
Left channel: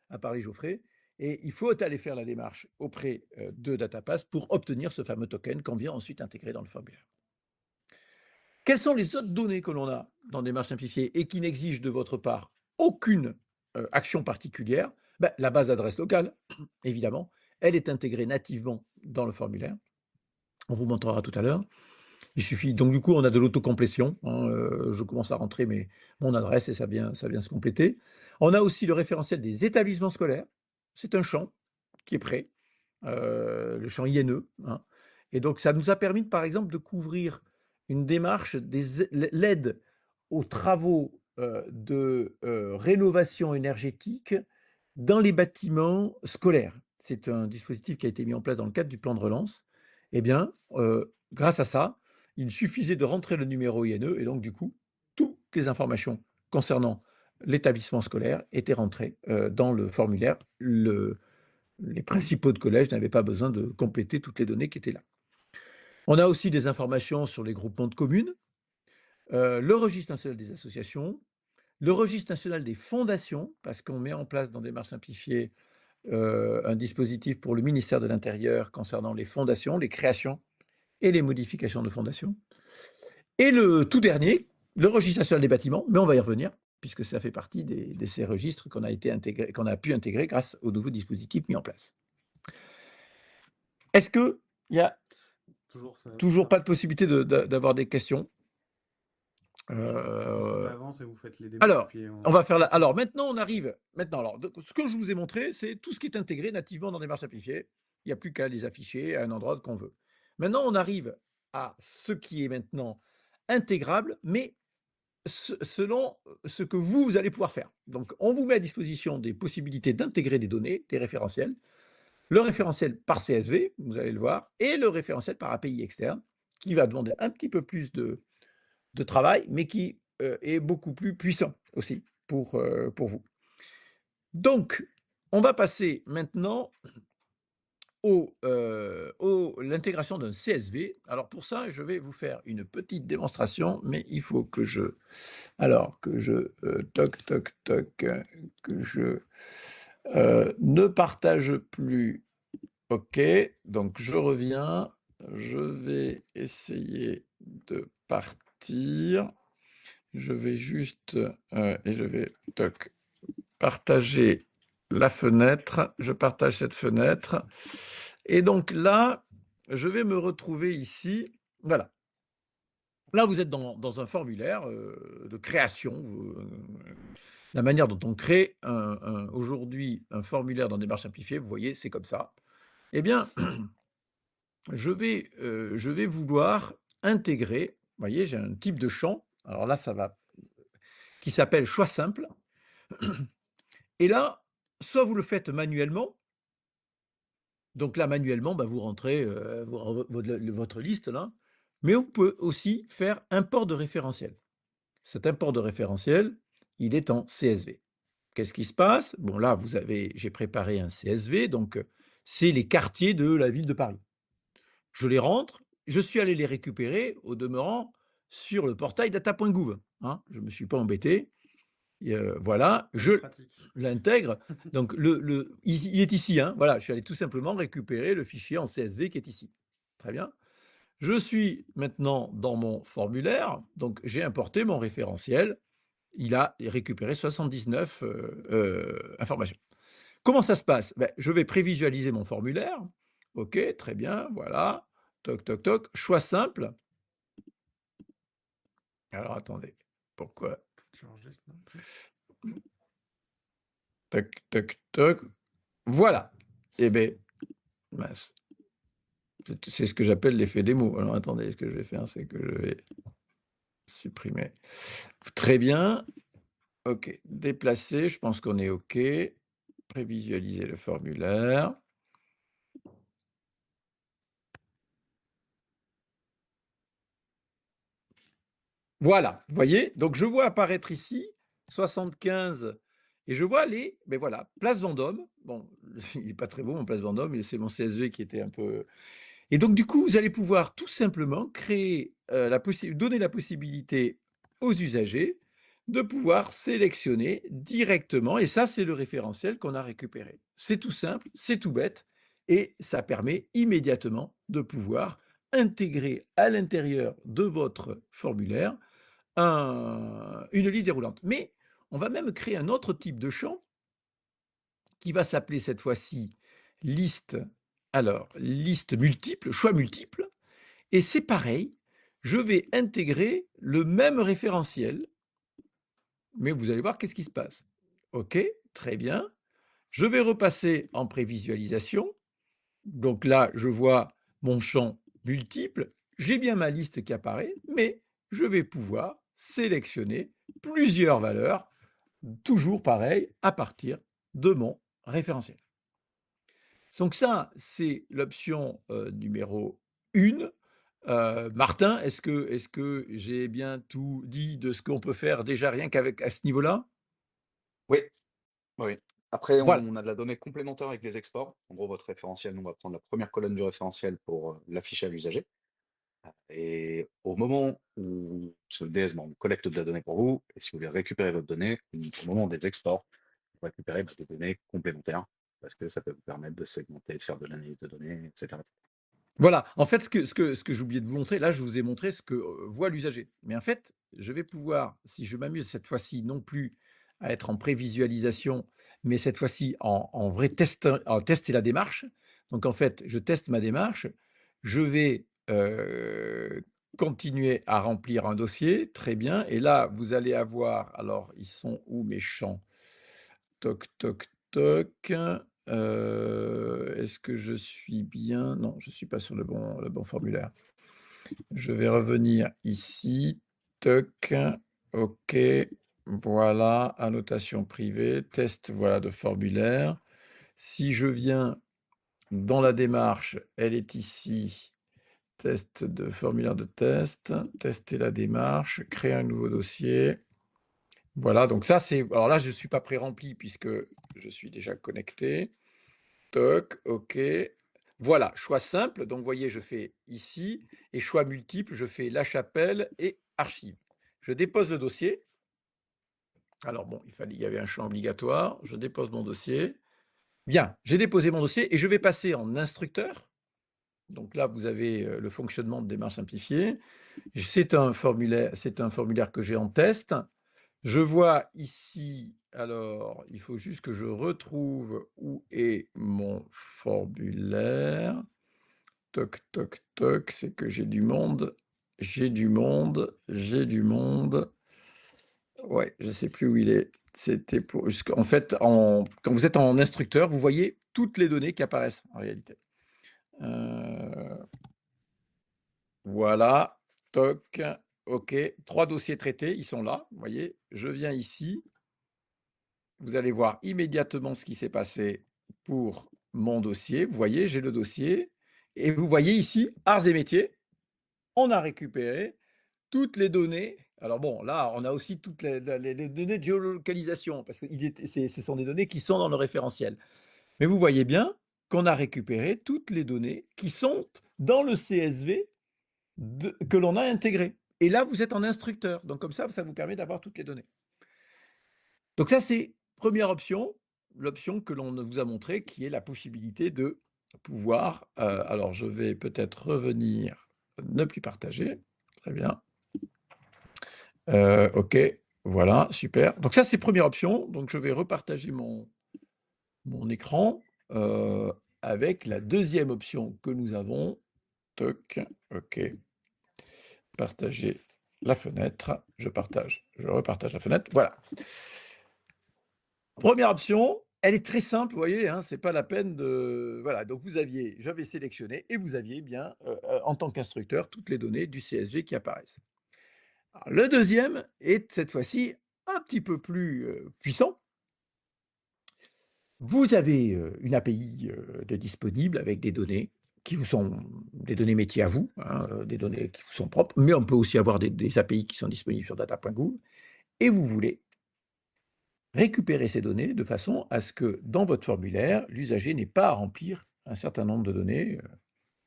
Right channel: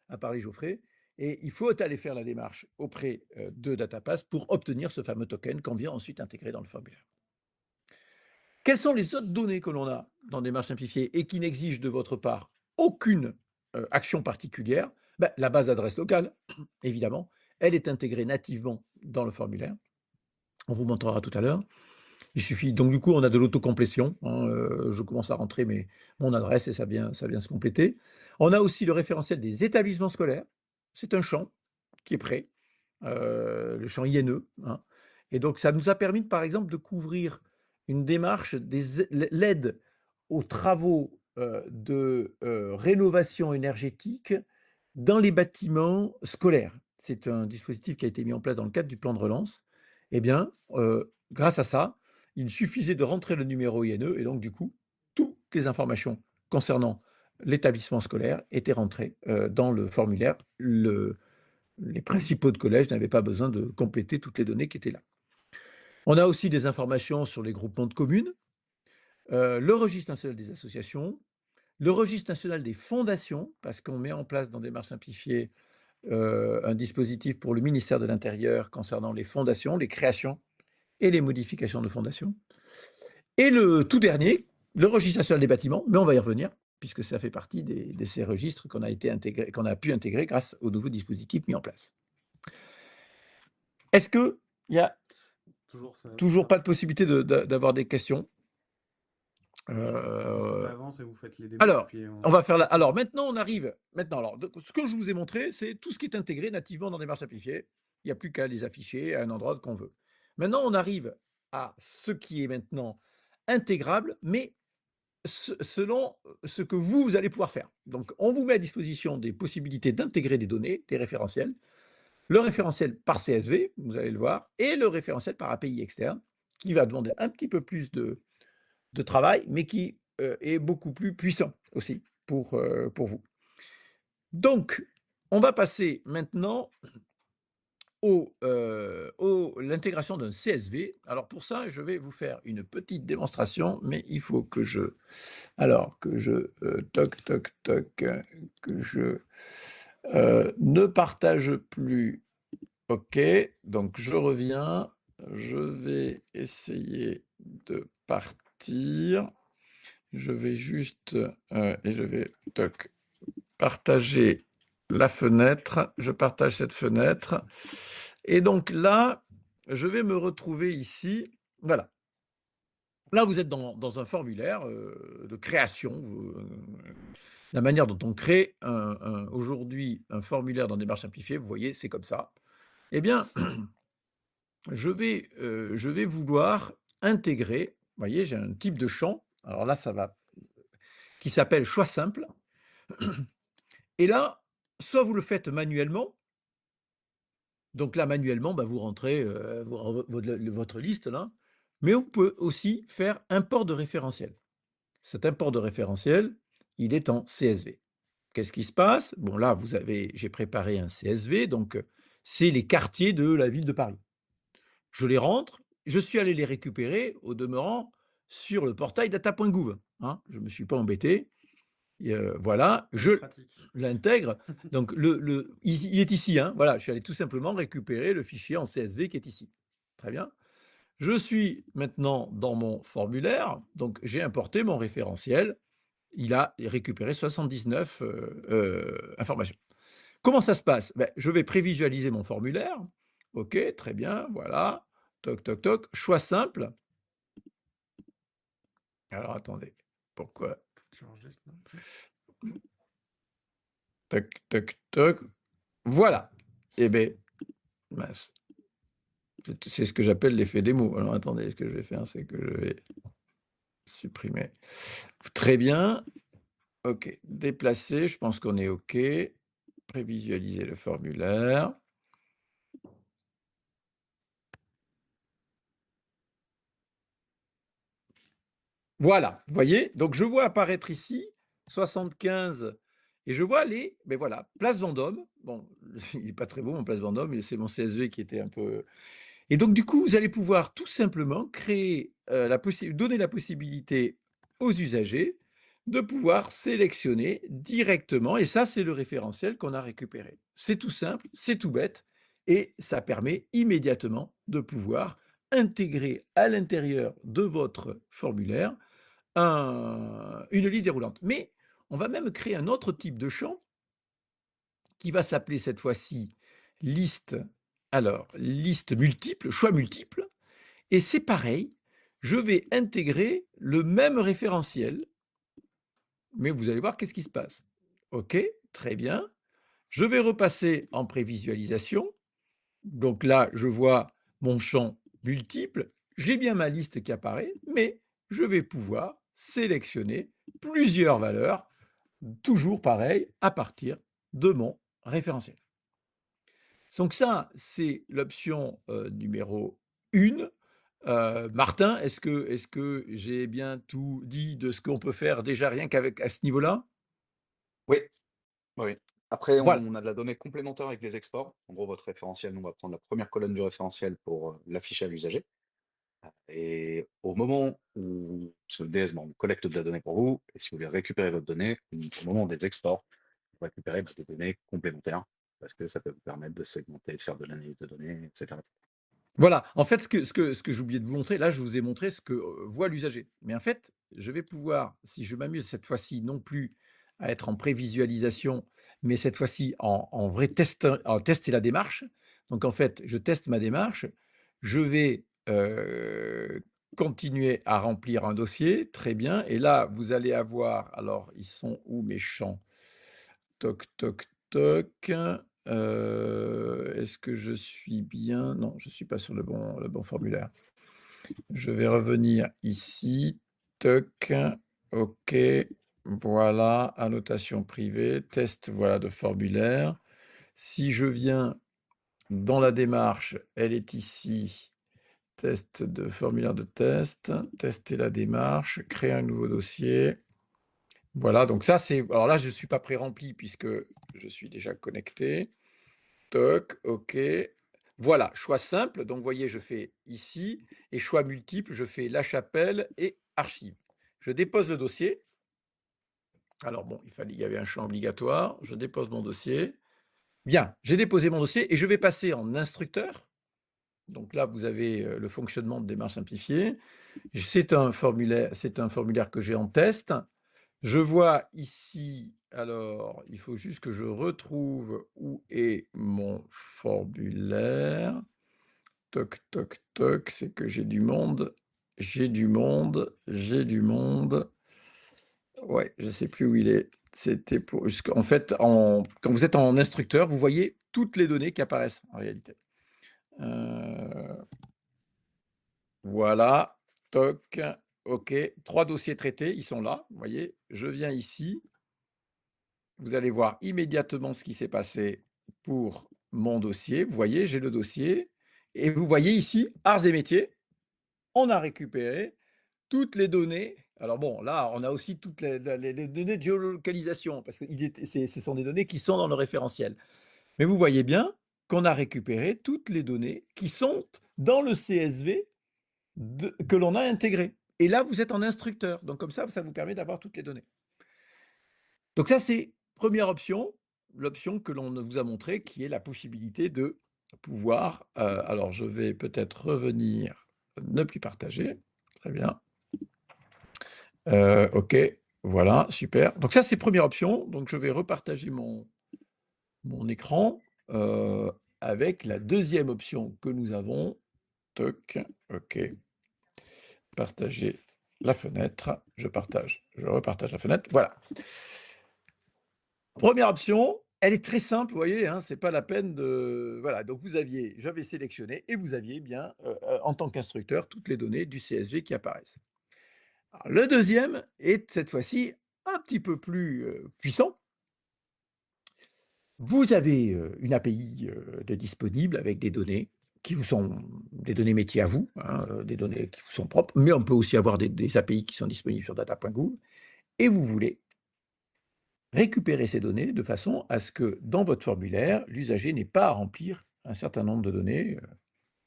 a parlé Geoffrey, et il faut aller faire la démarche auprès de DataPass pour obtenir ce fameux token qu'on vient ensuite intégrer dans le formulaire. Quelles sont les autres données que l'on a dans Démarche simplifiée et qui n'exigent de votre part aucune action particulière? Ben, la base d'adresse locale, évidemment, elle est intégrée nativement dans le formulaire. On vous montrera tout à l'heure. Il suffit, donc du coup, on a de l'autocomplétion, hein, je commence à rentrer mon adresse et ça vient se compléter. On a aussi le référentiel des établissements scolaires. C'est un champ qui est prêt, le champ INE, hein. Et donc ça nous a permis, par exemple, de couvrir une démarche l'aide aux travaux de rénovation énergétique dans les bâtiments scolaires. C'est un dispositif qui a été mis en place dans le cadre du plan de relance. Eh bien, grâce à ça, il suffisait de rentrer le numéro INE et donc du coup, toutes les informations concernant l'établissement scolaire étaient rentrées dans le formulaire. Les principaux de collège n'avaient pas besoin de compléter toutes les données qui étaient là. On a aussi des informations sur les groupements de communes, le registre national des associations, le registre national des fondations, parce qu'on met en place dans Démarche simplifiée un dispositif pour le ministère de l'Intérieur concernant les fondations, les créations et les modifications de fondations. Et le tout dernier, le registre national des bâtiments, mais on va y revenir, puisque ça fait partie de ces registres qu'on a pu intégrer grâce au nouveau dispositif mis en place. Est-ce qu'il y a toujours pas de possibilité d'avoir des questions? Alors, on va faire alors maintenant on arrive. Alors, ce que je vous ai montré, c'est tout ce qui est intégré nativement dans Démarche simplifiée. Il n'y a plus qu'à les afficher à un endroit qu'on veut. Maintenant, on arrive à ce qui est maintenant intégrable, mais selon ce que vous allez pouvoir faire. Donc, on vous met à disposition des possibilités d'intégrer des données, des référentiels, le référentiel par CSV, vous allez le voir, et le référentiel par API externe, qui va demander un petit peu plus de travail, mais qui est beaucoup plus puissant aussi pour vous. Donc, on va passer maintenant l'intégration d'un CSV. Alors pour ça, je vais vous faire une petite démonstration, mais il faut que je ne partage plus. OK, donc je reviens. Je vais essayer de partir. Je vais juste et je vais partager la fenêtre. Je partage cette fenêtre. Et donc là, je vais me retrouver ici. Voilà. Là, vous êtes dans un formulaire de création. La manière dont on crée aujourd'hui un formulaire dans Démarche simplifiée, vous voyez, c'est comme ça. Eh bien, je vais vouloir intégrer, vous voyez, j'ai un type de champ. Alors là, ça va, qui s'appelle choix simple. Et là, soit vous le faites manuellement. Donc là, manuellement, bah, vous rentrez votre liste là. Mais on peut aussi faire import de référentiel. Cet import de référentiel, il est en CSV. qu'est-ce qui se passe? Bon là, j'ai préparé un CSV, donc c'est les quartiers de la ville de Paris. Je les rentre, je suis allé les récupérer au demeurant sur le portail data.gouv, hein. Je me suis pas embêté et voilà, je Pratique. l'intègre. Donc il est ici, hein, voilà, je suis allé tout simplement récupérer le fichier en CSV qui est ici. Très bien. Je suis maintenant dans mon formulaire, donc j'ai importé mon référentiel. Il a récupéré 79 informations. Comment ça se passe? Ben, je vais prévisualiser mon formulaire. OK, très bien, voilà. Toc, toc, toc. Choix simple. Alors attendez, pourquoi? Toc, toc, toc. Voilà. Eh bien, mince. C'est ce que j'appelle l'effet démo. Alors attendez, ce que je vais faire, c'est que je vais supprimer. Très bien. OK. Déplacer, je pense qu'on est OK. Prévisualiser le formulaire. Voilà, vous voyez? Donc je vois apparaître ici 75 et je vois mais voilà, place Vendôme. Bon, il n'est pas très beau mon place Vendôme, et c'est mon CSV qui était un peu et donc du coup, vous allez pouvoir tout simplement créer, donner la possibilité aux usagers de pouvoir sélectionner directement et ça, c'est le référentiel qu'on a récupéré. C'est tout simple, c'est tout bête et ça permet immédiatement de pouvoir intégrer à l'intérieur de votre formulaire une liste déroulante. Mais on va même créer un autre type de champ qui va s'appeler cette fois-ci liste, liste multiple, choix multiple, et c'est pareil, je vais intégrer le même référentiel, mais vous allez voir qu'est-ce qui se passe. OK, très bien. Je vais repasser en prévisualisation. Donc là, je vois mon champ multiple, j'ai bien ma liste qui apparaît, mais je vais pouvoir sélectionner plusieurs valeurs, toujours pareil, à partir de mon référentiel. Donc ça, c'est l'option numéro 1. Martin, est-ce que j'ai bien tout dit de ce qu'on peut faire déjà rien qu'avec à ce niveau-là? Oui, oui. Après, Voilà. on a de la donnée complémentaire avec des exports. En gros, votre référentiel, nous, on va prendre la première colonne du référentiel pour l'afficher à l'usager. Et au moment où, parce que le DS, bon, on collecte de la donnée pour vous, et si vous voulez récupérer votre donnée, au moment des exports, vous récupérez des données complémentaires, parce que ça peut vous permettre de segmenter, de faire de l'analyse de données, etc. Voilà, en fait, ce que j'ai oublié de vous montrer, là, je vous ai montré ce que voit l'usager. Mais en fait, je vais pouvoir, si je m'amuse cette fois-ci, non plus à être en prévisualisation, mais cette fois-ci en vrai tester la démarche. Donc, en fait, je teste ma démarche. Je vais continuer à remplir un dossier. Très bien. Et là, vous allez avoir, alors, ils sont où mes champs? Toc, toc, toc. Est-ce que je suis bien? Non, je ne suis pas sur le bon formulaire. Je vais revenir ici. Toc. OK. Voilà, annotation privée, test voilà, de formulaire. Si je viens dans la démarche, elle est ici. Test de formulaire de test. Tester la démarche. Créer un nouveau dossier. Voilà, donc ça c'est. Alors là, je ne suis pas pré-rempli puisque je suis déjà connecté. Toc, OK. Voilà, choix simple. Donc, vous voyez, je fais ici. Et choix multiple, je fais La Chapelle et Archives. Je dépose le dossier. Alors, bon, il y avait un champ obligatoire. Je dépose mon dossier. Bien, j'ai déposé mon dossier et je vais passer en instructeur. Donc là, vous avez le fonctionnement de démarche simplifiée. C'est un formulaire que j'ai en test. Je vois ici, alors, il faut juste que je retrouve où est mon formulaire. Toc, toc, toc, c'est que j'ai du monde. J'ai du monde. J'ai du monde. Ouais, je ne sais plus où il est. C'était pour. En fait, quand vous êtes en instructeur, vous voyez toutes les données qui apparaissent en réalité. Euh, Voilà. Toc. OK. 3 dossiers traités, ils sont là. Vous voyez, je viens ici. Vous allez voir immédiatement ce qui s'est passé pour mon dossier. Vous voyez, j'ai le dossier. Et vous voyez ici, arts et métiers, on a récupéré toutes les données Alors bon, là, on a aussi toutes les données de géolocalisation, parce que ce sont des données qui sont dans le référentiel. Mais vous voyez bien qu'on a récupéré toutes les données qui sont dans le CSV que l'on a intégré. Et là, vous êtes en instructeur. Donc comme ça vous permet d'avoir toutes les données. Donc ça, c'est première option, l'option que l'on vous a montrée, qui est la possibilité de pouvoir, alors je vais peut-être revenir, ne plus partager. Très bien. OK, voilà, super. Donc ça, c'est première option. Donc je vais repartager mon écran, avec la deuxième option que nous avons. Toc, OK. Partager la fenêtre. Je repartage la fenêtre. Voilà. Première option, elle est très simple, vous voyez, hein, c'est pas la peine de voilà, donc j'avais sélectionné et vous aviez bien, en tant qu'instructeur, toutes les données du CSV qui apparaissent. Alors le deuxième est cette fois-ci un petit peu plus, puissant. Vous avez, une API, de disponible avec des données qui vous sont des données métiers à vous, hein, des données qui vous sont propres, mais on peut aussi avoir des API qui sont disponibles sur data.gouv et vous voulez récupérer ces données de façon à ce que dans votre formulaire, l'usager n'ait pas à remplir un certain nombre de données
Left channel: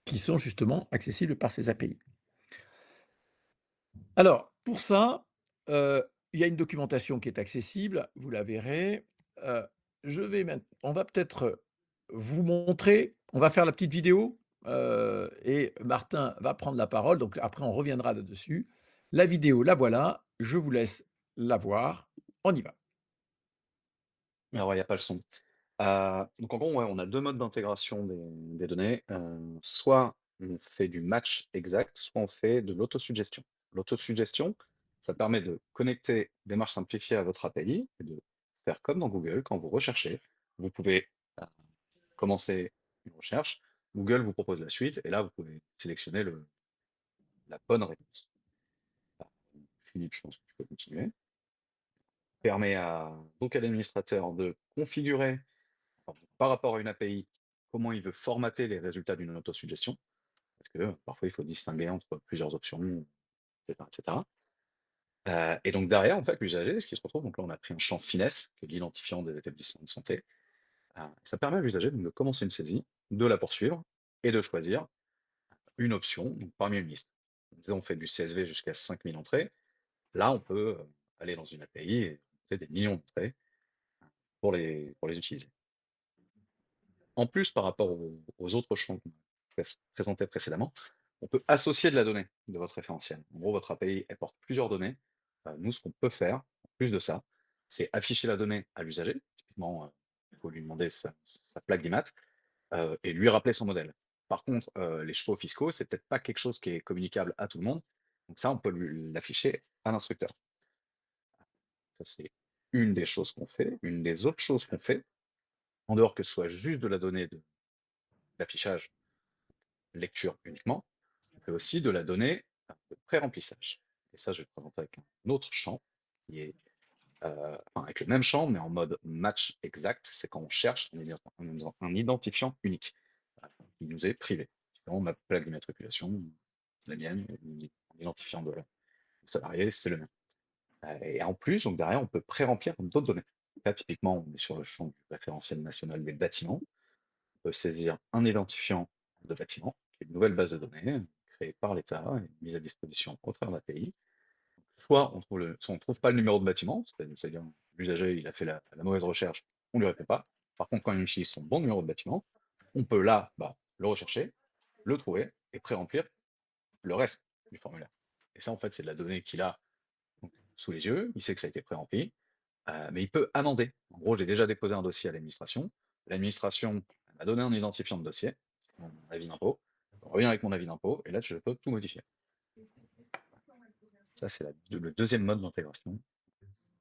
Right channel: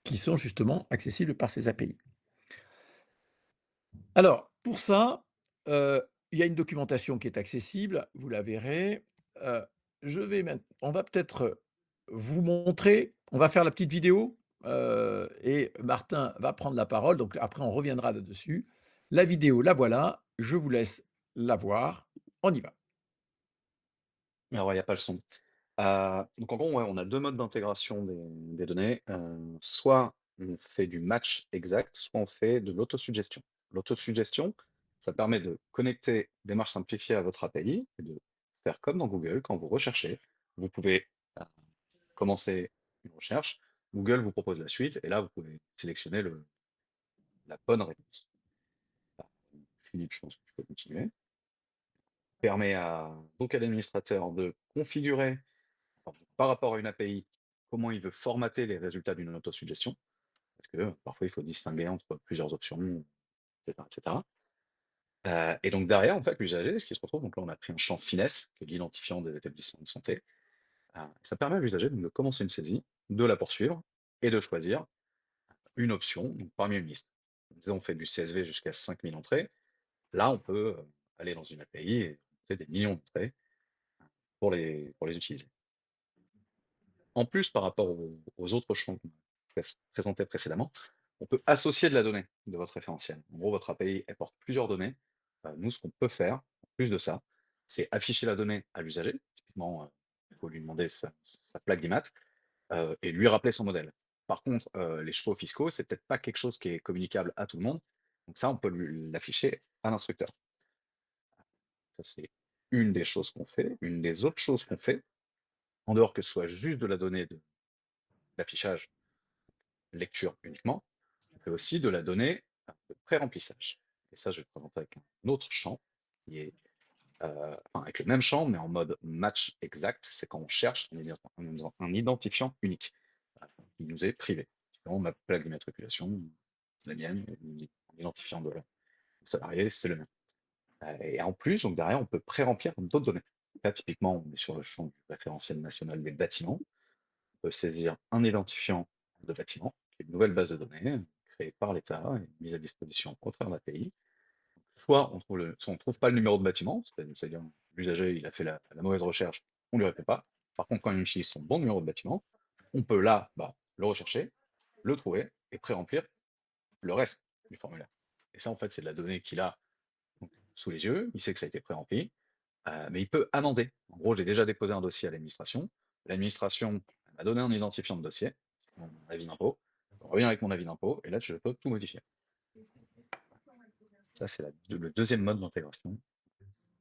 qui sont justement accessibles par ces API. Alors, pour ça, il y a une documentation qui est accessible, vous la verrez. Euh, on va peut-être vous montrer, on va faire la petite vidéo et Martin va prendre la parole, donc après on reviendra dessus. La vidéo, la voilà, je vous laisse la voir, on y va. Alors, il n'y a pas le son. Donc en gros, ouais, on a deux modes d'intégration des données. Soit on fait du match exact, soit on fait de l'autosuggestion. L'autosuggestion, ça permet de connecter démarche simplifiée à votre API et de faire comme dans Google, quand vous recherchez, vous pouvez euh, commencer une recherche, Google vous propose la suite, et là vous pouvez sélectionner la bonne réponse. Ah, Philippe, je pense que tu peux continuer. Permet donc à l'administrateur de configurer par rapport à une API, comment il veut formater les résultats d'une autosuggestion, parce que parfois il faut distinguer entre plusieurs options, etc. etc. Et donc derrière, en fait, l'usager, ce qui se retrouve, donc là on a pris un champ finesse, qui est l'identifiant des établissements de santé. Ça permet à l'usager de commencer une saisie, de la poursuivre et de choisir une option donc parmi une liste. On fait du CSV jusqu'à 5000 entrées. Là, on peut aller dans une API et monter des millions d'entrées pour les utiliser. En plus, par rapport aux autres champs qu'on a présentés précédemment, on peut associer de la donnée de votre référentiel. En gros, votre API, elle porte plusieurs données. Nous, ce qu'on peut faire, en plus de ça, c'est afficher la donnée à l'usager. Typiquement, il faut lui demander sa plaque d'IMAT et lui rappeler son modèle. Par contre, les chevaux fiscaux, c'est peut-être pas quelque chose qui est communicable à tout le monde. Donc ça, on peut l'afficher à l'instructeur. Ça, c'est une des choses qu'on fait. Une des autres choses qu'on fait, en dehors que ce soit juste de la donnée d'affichage, lecture uniquement, on fait aussi de la donnée de pré-remplissage. Et ça, je vais le présenter avec un autre champ qui est avec le même champ, mais en mode match exact. C'est quand on cherche un identifiant unique qui nous est privé. Sinon, ma plaque d'immatriculation, c'est la mienne, et l'identifiant de salarié, c'est le mien. Et en plus, donc derrière, on peut pré-remplir d'autres données. Là, typiquement, on est sur le champ du référentiel national des bâtiments. On peut saisir un identifiant de bâtiment, qui est une nouvelle base de données créée par l'État et mise à disposition au travers de l'API. Soit on trouve pas le numéro de bâtiment, c'est-à-dire l'usager il a fait la mauvaise recherche, on lui répond pas. Par contre, quand il utilise son bon numéro de bâtiment, on peut là le rechercher, le trouver et pré-remplir le reste du formulaire. Et ça, en fait, c'est de la donnée qu'il a donc, sous les yeux, il sait que ça a été pré-rempli, mais il peut amender. En gros, j'ai déjà déposé un dossier à l'administration. L'administration m'a donné un identifiant de dossier, mon avis d'impôt. Je reviens avec mon avis d'impôt, et là, je peux tout modifier. Ça, c'est le deuxième mode d'intégration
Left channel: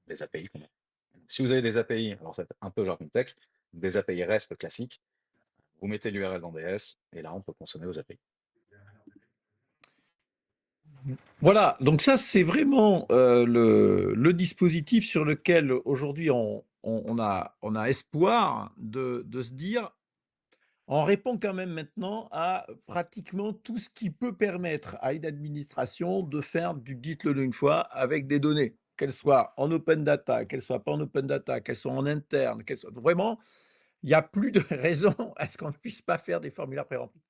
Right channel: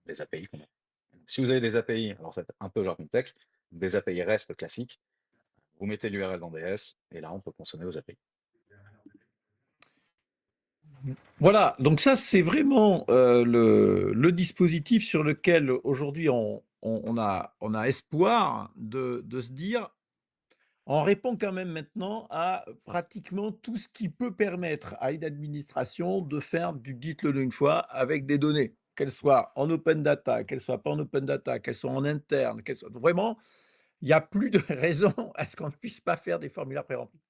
des API qu'on a. Si vous avez des API, alors c'est un peu jargon tech, des API REST classiques, vous mettez l'URL dans DS, et là, on peut consommer aux API. Voilà, donc ça c'est vraiment le dispositif sur lequel aujourd'hui on a espoir de se dire, on répond quand même maintenant à pratiquement tout ce qui peut permettre à une administration de faire du dites-le une fois avec des données, qu'elles soient en open data, qu'elles soient pas en open data, qu'elles soient en interne, qu'elles soient vraiment, il n'y a plus de raison à ce qu'on ne puisse pas faire des formulaires pré-remplis.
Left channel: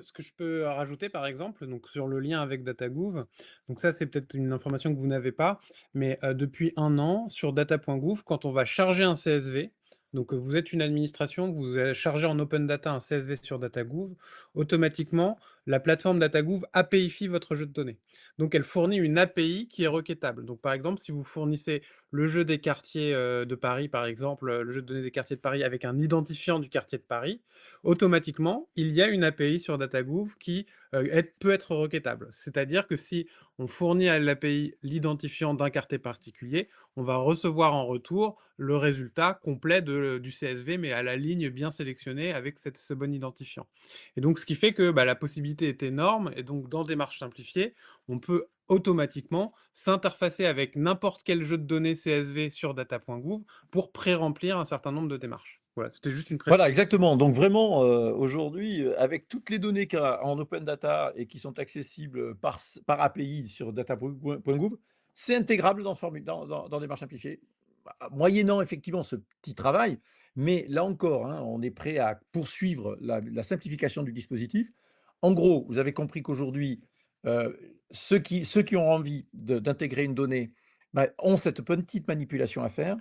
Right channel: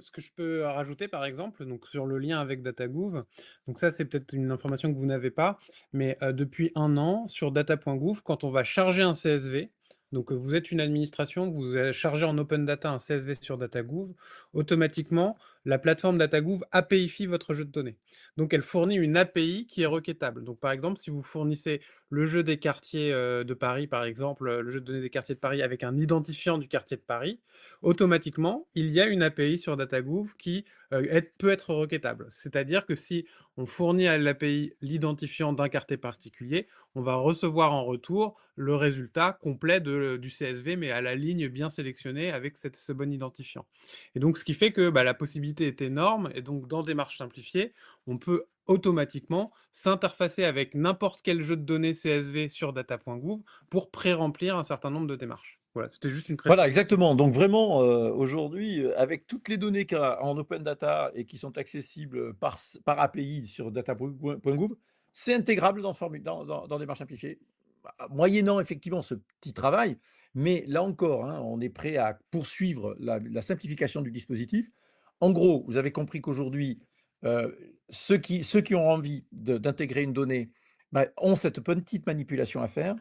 Ce que je peux rajouter par exemple, donc sur le lien avec DataGouv, donc ça c'est peut-être une information que vous n'avez pas, mais depuis 1 an sur data.gouv, quand on va charger un CSV, donc vous êtes une administration, vous allez charger en open data un CSV sur DataGouv, automatiquement la plateforme DataGouv APIfie votre jeu de données. Donc elle fournit une API qui est requêtable. Donc par exemple, si vous fournissez le jeu des quartiers de Paris, par exemple, le jeu de données des quartiers de Paris avec un identifiant du quartier de Paris, automatiquement, il y a une API sur DataGouv qui peut être requêtable. C'est-à-dire que si on fournit à l'API l'identifiant d'un quartier particulier, on va recevoir en retour le résultat complet du CSV, mais à la ligne bien sélectionnée avec ce bon identifiant. Et donc, ce qui fait que la possibilité est énorme, et donc dans Démarche simplifiée, on peut automatiquement s'interfacer avec n'importe quel jeu de données CSV sur data.gouv pour pré-remplir un certain nombre de démarches. Voilà, c'était juste une précision. Voilà, exactement. Donc vraiment, aujourd'hui, avec toutes les données qu'il y a en open data et qui sont accessibles par API sur data.gouv, c'est intégrable dans Démarche simplifiée. Moyennant effectivement ce petit travail, mais là encore, hein, on est prêt à poursuivre la simplification du dispositif. En gros, vous avez compris qu'aujourd'hui, ceux qui ont envie d'intégrer une donnée, ont cette petite manipulation à faire.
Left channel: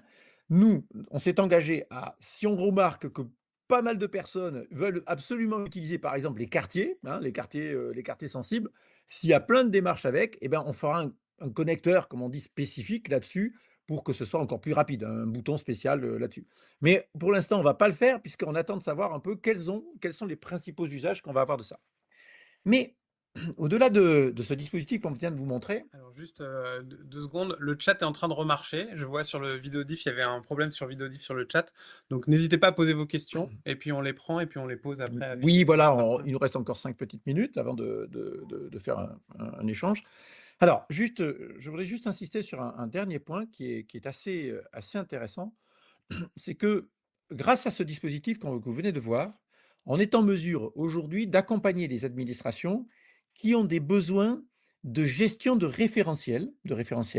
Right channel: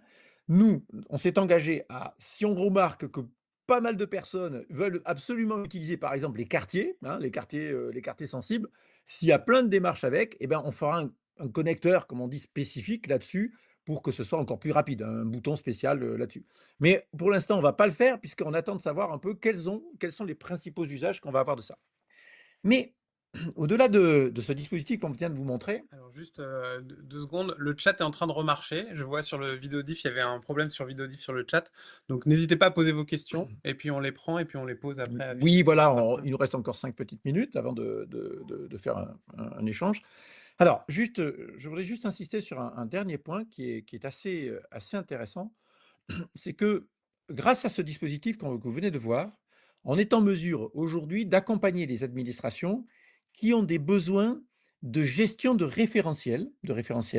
Nous, on s'est engagé à, si on remarque que pas mal de personnes veulent absolument utiliser, par exemple, les quartiers, hein, les quartiers sensibles, s'il y a plein de démarches avec, eh ben, on fera un connecteur, comme on dit, spécifique là-dessus pour que ce soit encore plus rapide, un bouton spécial là-dessus. Mais pour l'instant, on ne va pas le faire puisqu'on attend de savoir un peu quels sont les principaux usages qu'on va avoir de ça. Mais au-delà de ce dispositif qu'on vient de vous montrer, Alors juste 2 secondes, le chat est en train de remarcher. Je vois sur le vidéodiff, il y avait un problème sur vidéodiff sur le chat. Donc n'hésitez pas à poser vos questions, et puis on les prend, et puis on les pose après avec. oui, voilà, il nous reste encore 5 petites minutes avant de faire un échange. Alors, juste, je voudrais juste insister sur un dernier point qui est assez intéressant. C'est que grâce à ce dispositif que vous venez de voir, on est en mesure aujourd'hui d'accompagner les administrations qui ont des besoins de gestion de référentiels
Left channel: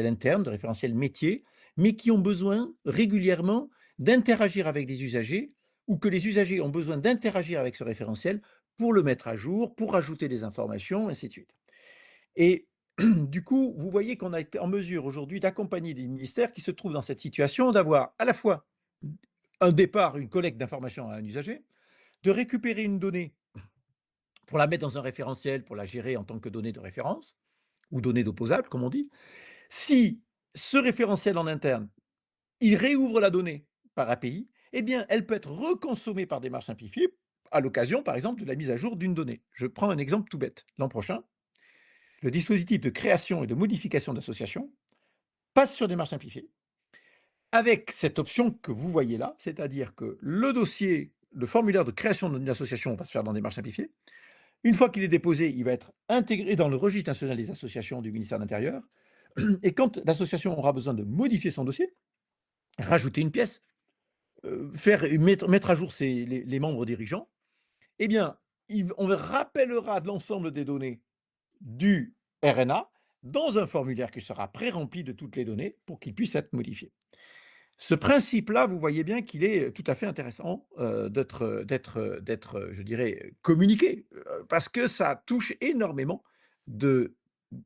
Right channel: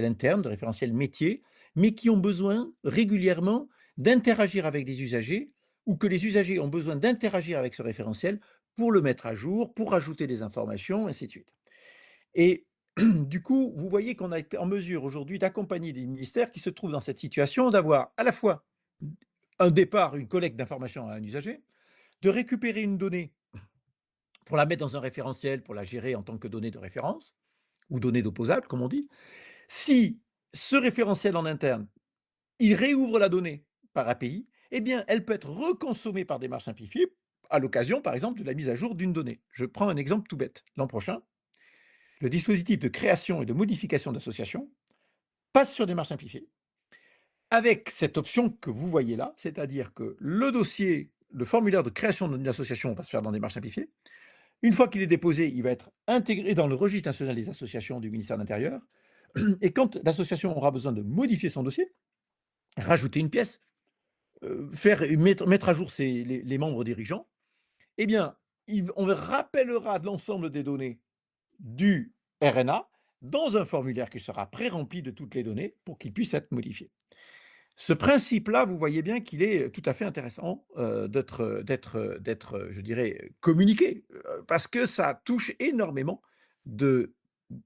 internes, de référentiels métiers, mais qui ont besoin régulièrement d'interagir avec les usagers ou que les usagers ont besoin d'interagir avec ce référentiel pour le mettre à jour, pour ajouter des informations, ainsi de suite. Et du coup, vous voyez qu'on a été en mesure aujourd'hui d'accompagner des ministères qui se trouvent dans cette situation d'avoir à la fois un départ, une collecte d'informations à un usager, de récupérer une donnée pour la mettre dans un référentiel, pour la gérer en tant que donnée de référence, ou donnée d'opposable, comme on dit. Si ce référentiel en interne, il réouvre la donnée par API, eh bien, elle peut être reconsommée par démarche simplifiée à l'occasion, par exemple, de la mise à jour d'une donnée. Je prends un exemple tout bête. L'an prochain, le dispositif de création et de modification d'associations passe sur démarche simplifiée avec cette option que vous voyez là, c'est-à-dire que le dossier, le formulaire de création d'une association va se faire dans démarche simplifiée. Une fois qu'il est déposé, il va être intégré dans le registre national des associations du ministère de l'Intérieur. Et quand l'association aura besoin de modifier son dossier, rajouter une pièce, mettre à jour les membres dirigeants, eh bien, on rappellera l'ensemble des données du RNA dans un formulaire qui sera pré-rempli de toutes les données pour qu'il puisse être modifié. Ce principe-là, vous voyez bien qu'il est tout à fait intéressant d'être, je dirais, communiqué, parce que ça touche énormément de,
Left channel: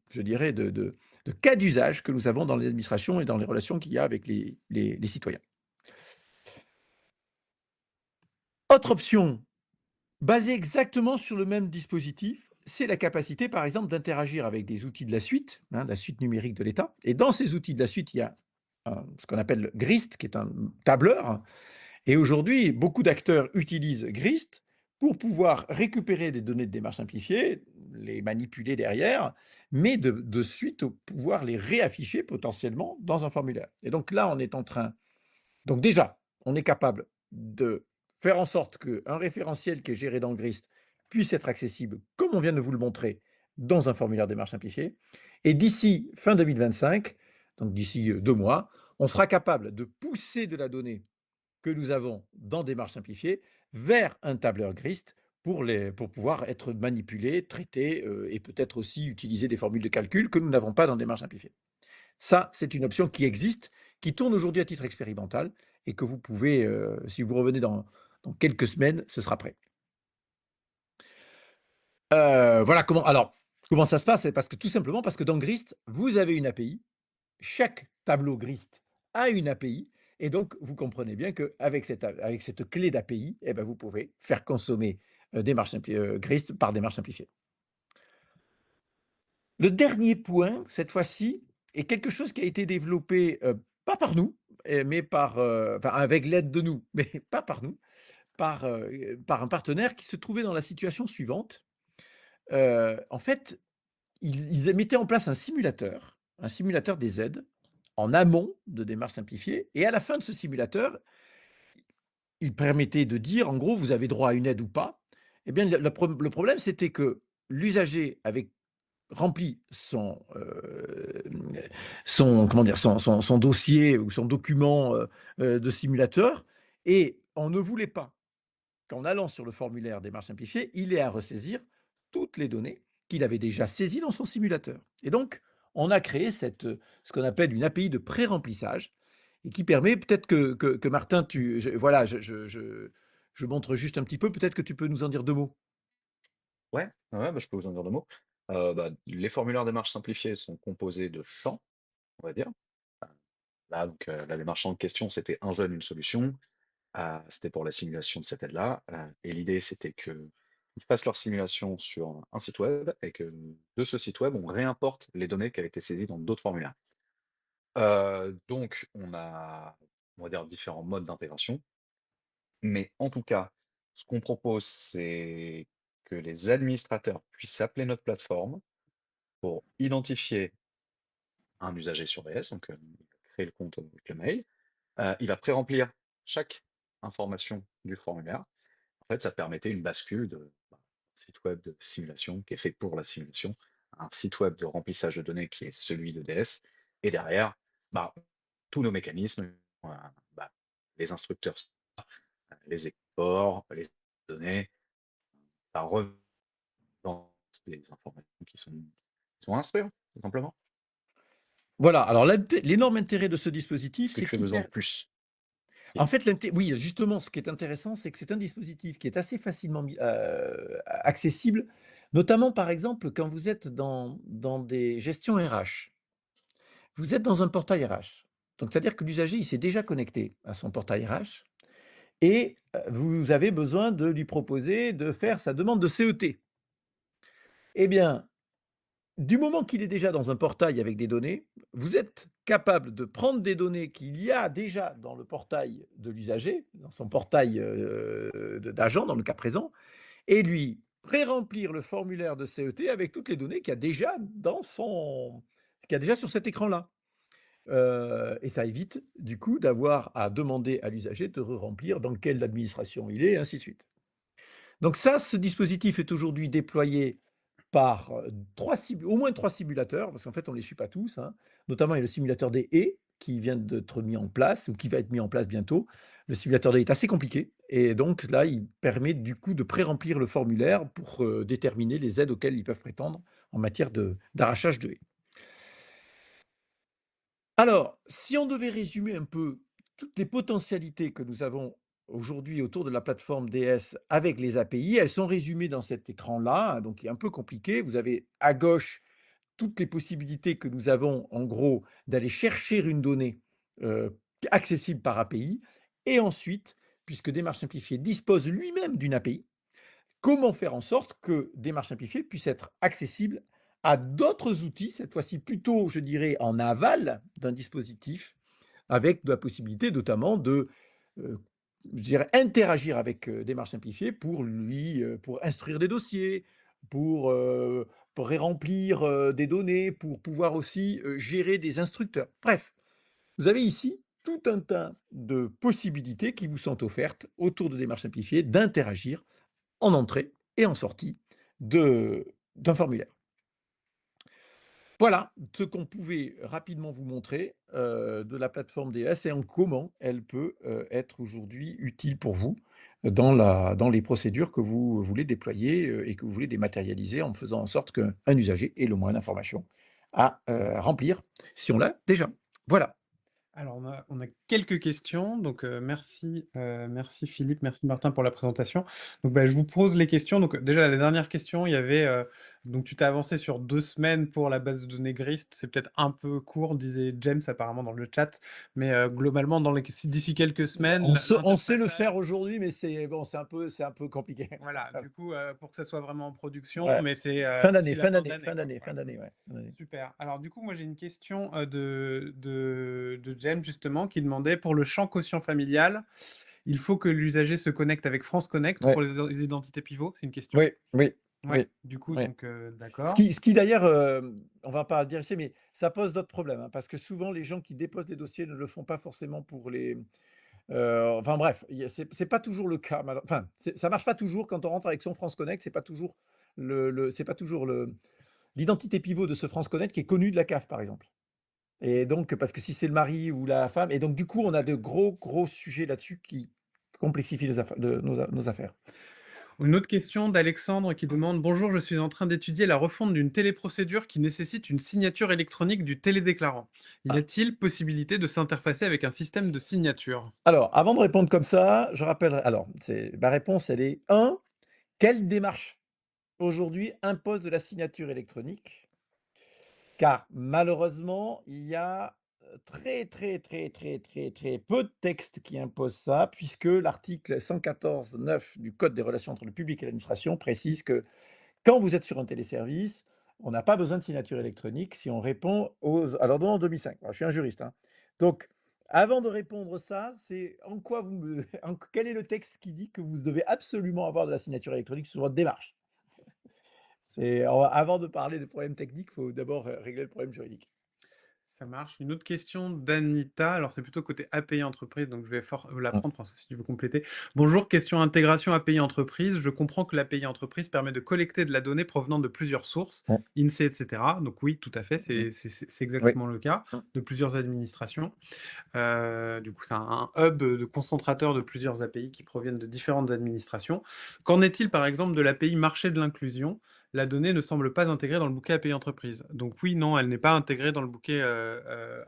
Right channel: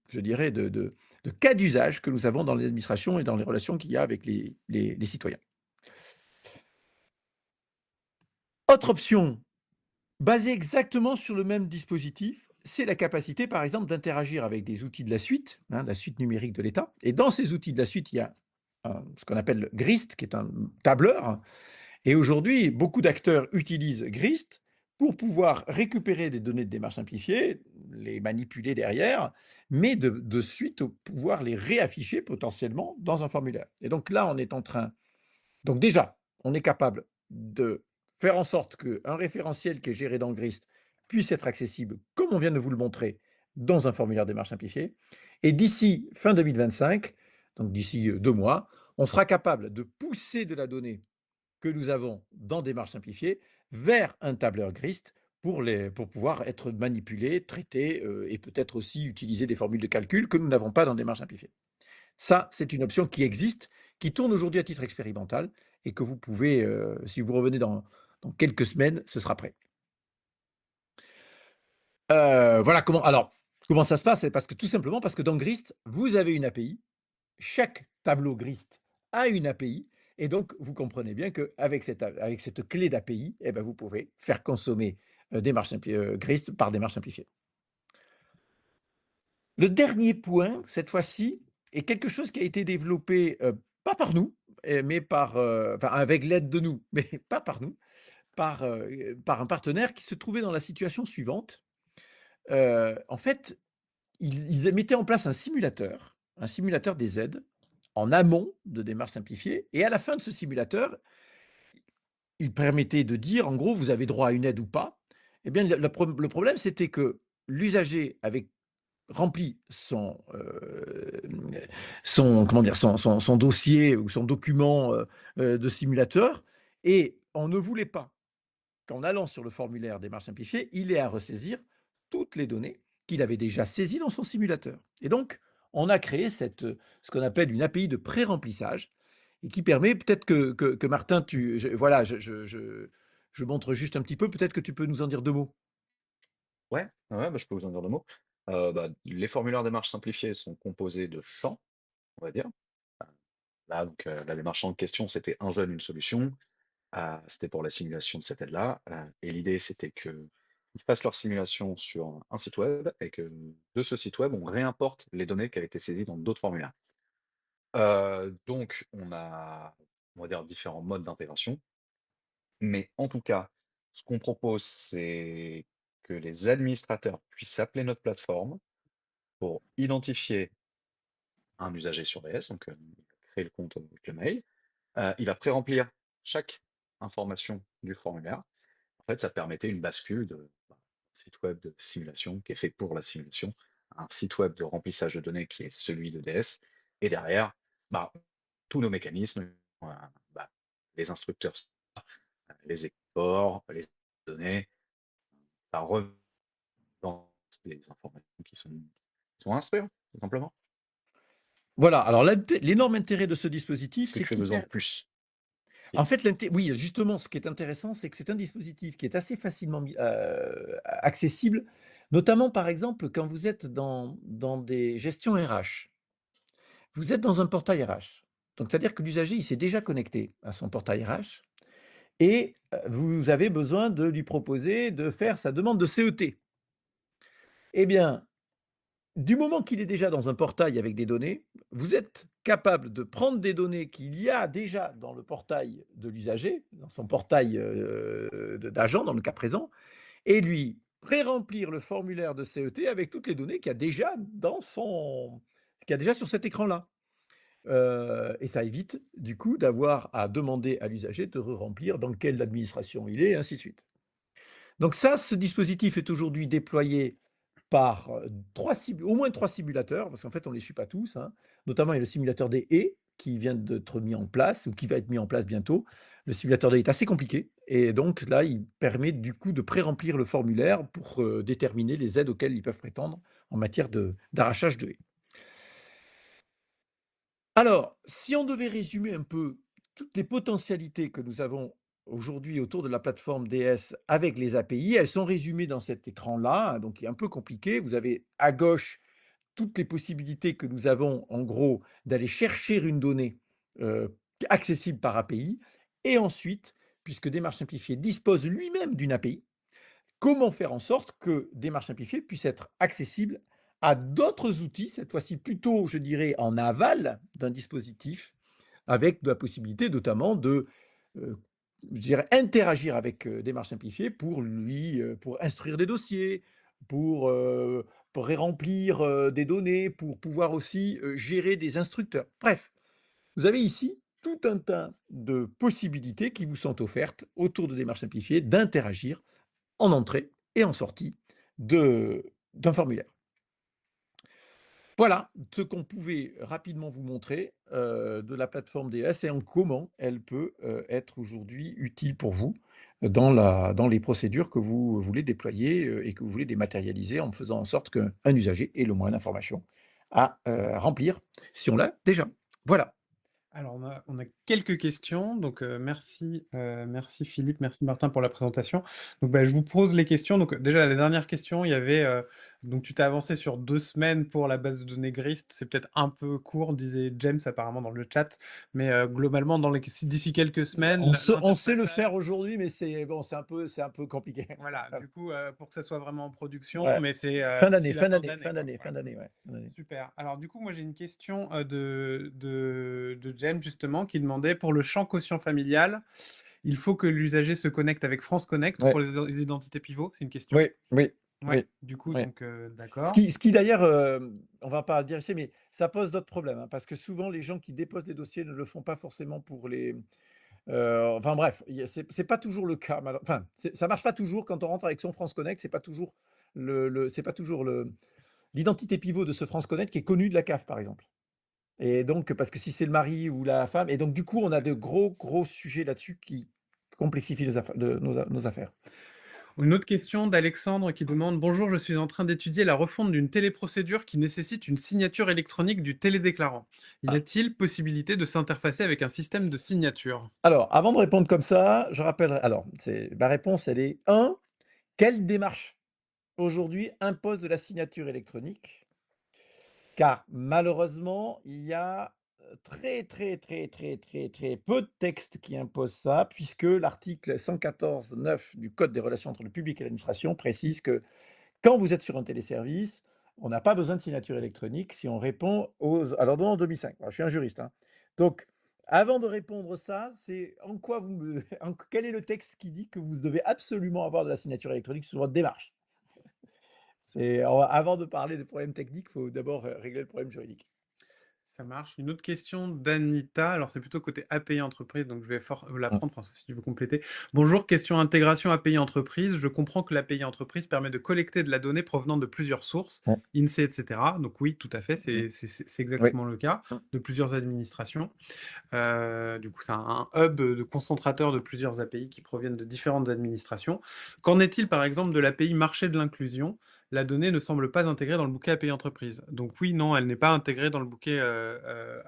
je dirais, de cas d'usage que nous avons dans l'administration et dans les relations qu'il y a avec les citoyens. Autre option, basée exactement sur le même dispositif, c'est la capacité, par exemple, d'interagir avec des outils de la suite, hein, la suite numérique de l'État. Et dans ces outils de la suite, il y a ce qu'on appelle le GRIST, qui est un tableur. Et aujourd'hui, beaucoup d'acteurs utilisent GRIST pour pouvoir récupérer des données de démarche simplifiée, les manipuler derrière, mais de suite pouvoir les réafficher potentiellement dans un formulaire. Et donc là, on est en train. Donc déjà, on est capable de faire en sorte qu'un référentiel qui est géré dans GRIST puisse être accessible, comme on vient de vous le montrer, dans un formulaire démarche simplifiée. Et d'ici fin 2025, donc d'ici 2 mois, on sera capable de pousser de la donnée que nous avons dans démarche simplifiée vers un tableur Grist pour pouvoir être manipulés, traités, et peut-être aussi utiliser des formules de calcul que nous n'avons pas dans Démarche simplifiée. Ça, c'est une option qui existe, qui tourne aujourd'hui à titre expérimental et que vous pouvez, si vous revenez dans quelques semaines, ce sera prêt. Voilà comment ça se passe, c'est parce que tout simplement parce que dans Grist, vous avez une API. Chaque tableau Grist a une API et donc vous comprenez bien avec cette clé d'API, eh ben, vous pouvez faire consommer, Grist par démarche simplifiée. Le dernier point, cette fois-ci, est quelque chose qui a été développé, pas par nous, mais enfin avec l'aide de nous, mais pas par nous, par un partenaire qui se trouvait dans la situation suivante. En fait, ils mettaient en place un simulateur des aides, en amont de démarches simplifiées et à la fin de ce simulateur, il permettait de dire, en gros: «Vous avez droit à une aide ou pas». Eh bien, le problème, c'était que l'usager avait rempli son comment dire? Son dossier ou son document, de simulateur et on ne voulait pas qu'en allant sur le formulaire démarche simplifiée, il ait à ressaisir toutes les données qu'il avait déjà saisies dans son simulateur. Et donc, on a créé ce qu'on appelle une API de pré-remplissage et qui permet peut-être que Martin, voilà, je montre juste un petit peu, peut-être que tu peux nous en dire deux mots. Ouais, ouais, bah, je peux vous en dire 2 mots. Les formulaires démarches simplifiées sont composés de champs, on va dire. Là, donc, la démarche en question, c'était un jeune, une solution. C'était pour la simulation de cette aide-là. Et l'idée, c'était qu'ils fassent leur simulation sur un site web et que de ce site web, on réimporte les données qui avaient été saisies dans d'autres formulaires. Donc, on va dire, différents modes d'intégration. Mais en tout cas, ce qu'on propose, c'est que les administrateurs puissent appeler notre plateforme pour identifier un usager sur DS, donc il va créer le compte avec le mail. Il va pré-remplir chaque information du formulaire. En fait, ça permettait une bascule de site web de simulation qui est fait pour la simulation, à un site web de remplissage de données qui est celui de DS. Et derrière, bah, tous nos mécanismes, euh, bah, les instructeurs, les exports, les données, ça revend les informations qui sont instruites, tout simplement. Voilà, alors l'énorme intérêt de ce dispositif, Est-ce que c'est tu as qu'il besoin de plus, en Yannick? fait, oui, justement, ce qui est intéressant, c'est que c'est un dispositif qui est assez facilement accessible, notamment, par exemple, quand vous êtes dans des gestions RH. Vous êtes dans un portail RH. Donc, c'est-à-dire que l'usager, il s'est déjà connecté à son portail RH et vous avez besoin de lui proposer de faire sa demande de CET. Eh bien, du moment qu'il est déjà dans un portail avec des données, vous êtes capable de prendre des données qu'il y a déjà dans le portail de l'usager, dans son portail d'agent dans le cas présent, et lui pré-remplir le formulaire de CET avec toutes les données qu'il y a déjà sur cet écran-là. Et ça évite du coup d'avoir à demander à l'usager de re-remplir dans quelle administration il est, et ainsi de suite. Donc ça, ce dispositif est aujourd'hui déployé par au moins trois simulateurs, parce qu'en fait, on ne les suit pas tous, hein. Notamment, il y a le simulateur des haies qui vient d'être mis en place, ou qui va être mis en place bientôt. Le simulateur des haies est assez compliqué, et donc là, il permet du coup de pré-remplir le formulaire pour déterminer les aides auxquelles ils peuvent prétendre en matière d'arrachage de haies. Alors, si on devait résumer un peu toutes les potentialités que nous avons aujourd'hui autour de la plateforme DS avec les API, elles sont résumées dans cet écran-là, hein, donc qui est un peu compliqué. Vous avez à gauche toutes les possibilités que nous avons, en gros, d'aller chercher une donnée accessible par API. Et ensuite, puisque Démarche Simplifiée dispose lui-même d'une API, comment faire en sorte que Démarche Simplifiée puisse être accessible à d'autres outils, cette fois-ci plutôt, je dirais, en aval d'un dispositif, avec de la possibilité notamment de je dirais, interagir avec Démarche Simplifiée pour instruire des dossiers, pour, euh, pour remplir des données, pour pouvoir aussi gérer des instructeurs. Bref, vous avez ici tout un tas de possibilités qui vous sont offertes autour de Démarche Simplifiée d'interagir en entrée et en sortie d'un formulaire. Voilà ce qu'on pouvait rapidement vous montrer de la plateforme DS et en comment elle peut être aujourd'hui utile pour vous. dans les procédures que vous voulez déployer, et que vous voulez dématérialiser en faisant en sorte qu'un usager ait le moins d'informations à, remplir si on l'a déjà. Voilà. Alors on a quelques questions, donc merci Philippe, merci Martin pour la présentation. Donc bah, je vous pose les questions. Donc déjà la dernière question, il y avait donc tu t'es avancé sur 2 semaines pour la base de données GRIST, c'est peut-être un peu court, disait James apparemment dans le chat, mais globalement d'ici quelques semaines, On sait le l'interfaçage faire aujourd'hui, mais c'est bon, c'est un peu compliqué. voilà, du coup, pour que ça soit vraiment en production, Ouais. mais c'est, Fin d'ici d'année, la fin fin d'année, d'année, fin quoi. d'année, fin Voilà. d'année, ouais, fin d'année. Super. Alors du coup, moi j'ai une question de James justement qui demandait pour le champ quotient familial, il faut que l'usager se connecte avec France Connect pour Ouais, les identités pivots? C'est une question? oui, oui, Ouais, oui, du coup oui. donc d'accord. Ce qui d'ailleurs, on va pas dire ici, mais ça pose d'autres problèmes, hein, parce que souvent les gens qui déposent des dossiers ne le font pas forcément pour les, enfin bref, il y a c'est pas toujours le cas enfin, ça marche pas toujours quand on rentre avec son France Connect, c'est pas toujours c'est pas toujours l'identité pivot de ce France Connect qui est connu de la CAF, par exemple. Et donc, parce que si c'est le mari ou la femme, et donc du coup, on a de gros, gros sujets là-dessus qui complexifient nos affaires. Une autre question d'Alexandre qui demande: «Bonjour, je suis en train d'étudier la refonte d'une téléprocédure qui nécessite une signature électronique du télédéclarant. Y Ah. a-t-il possibilité de s'interfacer avec un système de signature?» Alors, avant de répondre comme ça, je rappelle, alors, ma réponse, elle est un, quelle démarche aujourd'hui impose de la signature électronique? Car malheureusement, il y a très, très, très, très, très, très peu de textes qui imposent ça, puisque l'article 114.9 du Code des relations entre le public et l'administration précise que quand vous êtes sur un téléservice, on n'a pas besoin de signature électronique si on répond à l'ordonnance 2005. Alors, je suis un juriste, hein. Donc, avant de répondre ça, c'est en quoi quel est le texte qui dit que vous devez absolument avoir de la signature électronique sur votre démarche? Avant de parler des problèmes techniques, il faut d'abord régler le problème juridique. Ça marche. Une autre question d'Anita, alors c'est plutôt côté API entreprise, donc je vais la Mmh. prendre, François, si tu veux compléter. Bonjour, question intégration API entreprise. Je comprends que l'API entreprise permet de collecter de la donnée provenant de plusieurs sources, Mmh. INSEE, etc. Donc oui, tout à fait, Mmh. c'est Oui. exactement le cas Mmh. de plusieurs administrations. Du coup, c'est un hub de concentrateur de plusieurs API qui proviennent de différentes administrations. Qu'en est-il, par exemple, de l'API marché de l'inclusion? La donnée ne semble pas intégrée dans le bouquet API entreprise. Donc oui, non, elle n'est pas intégrée dans le bouquet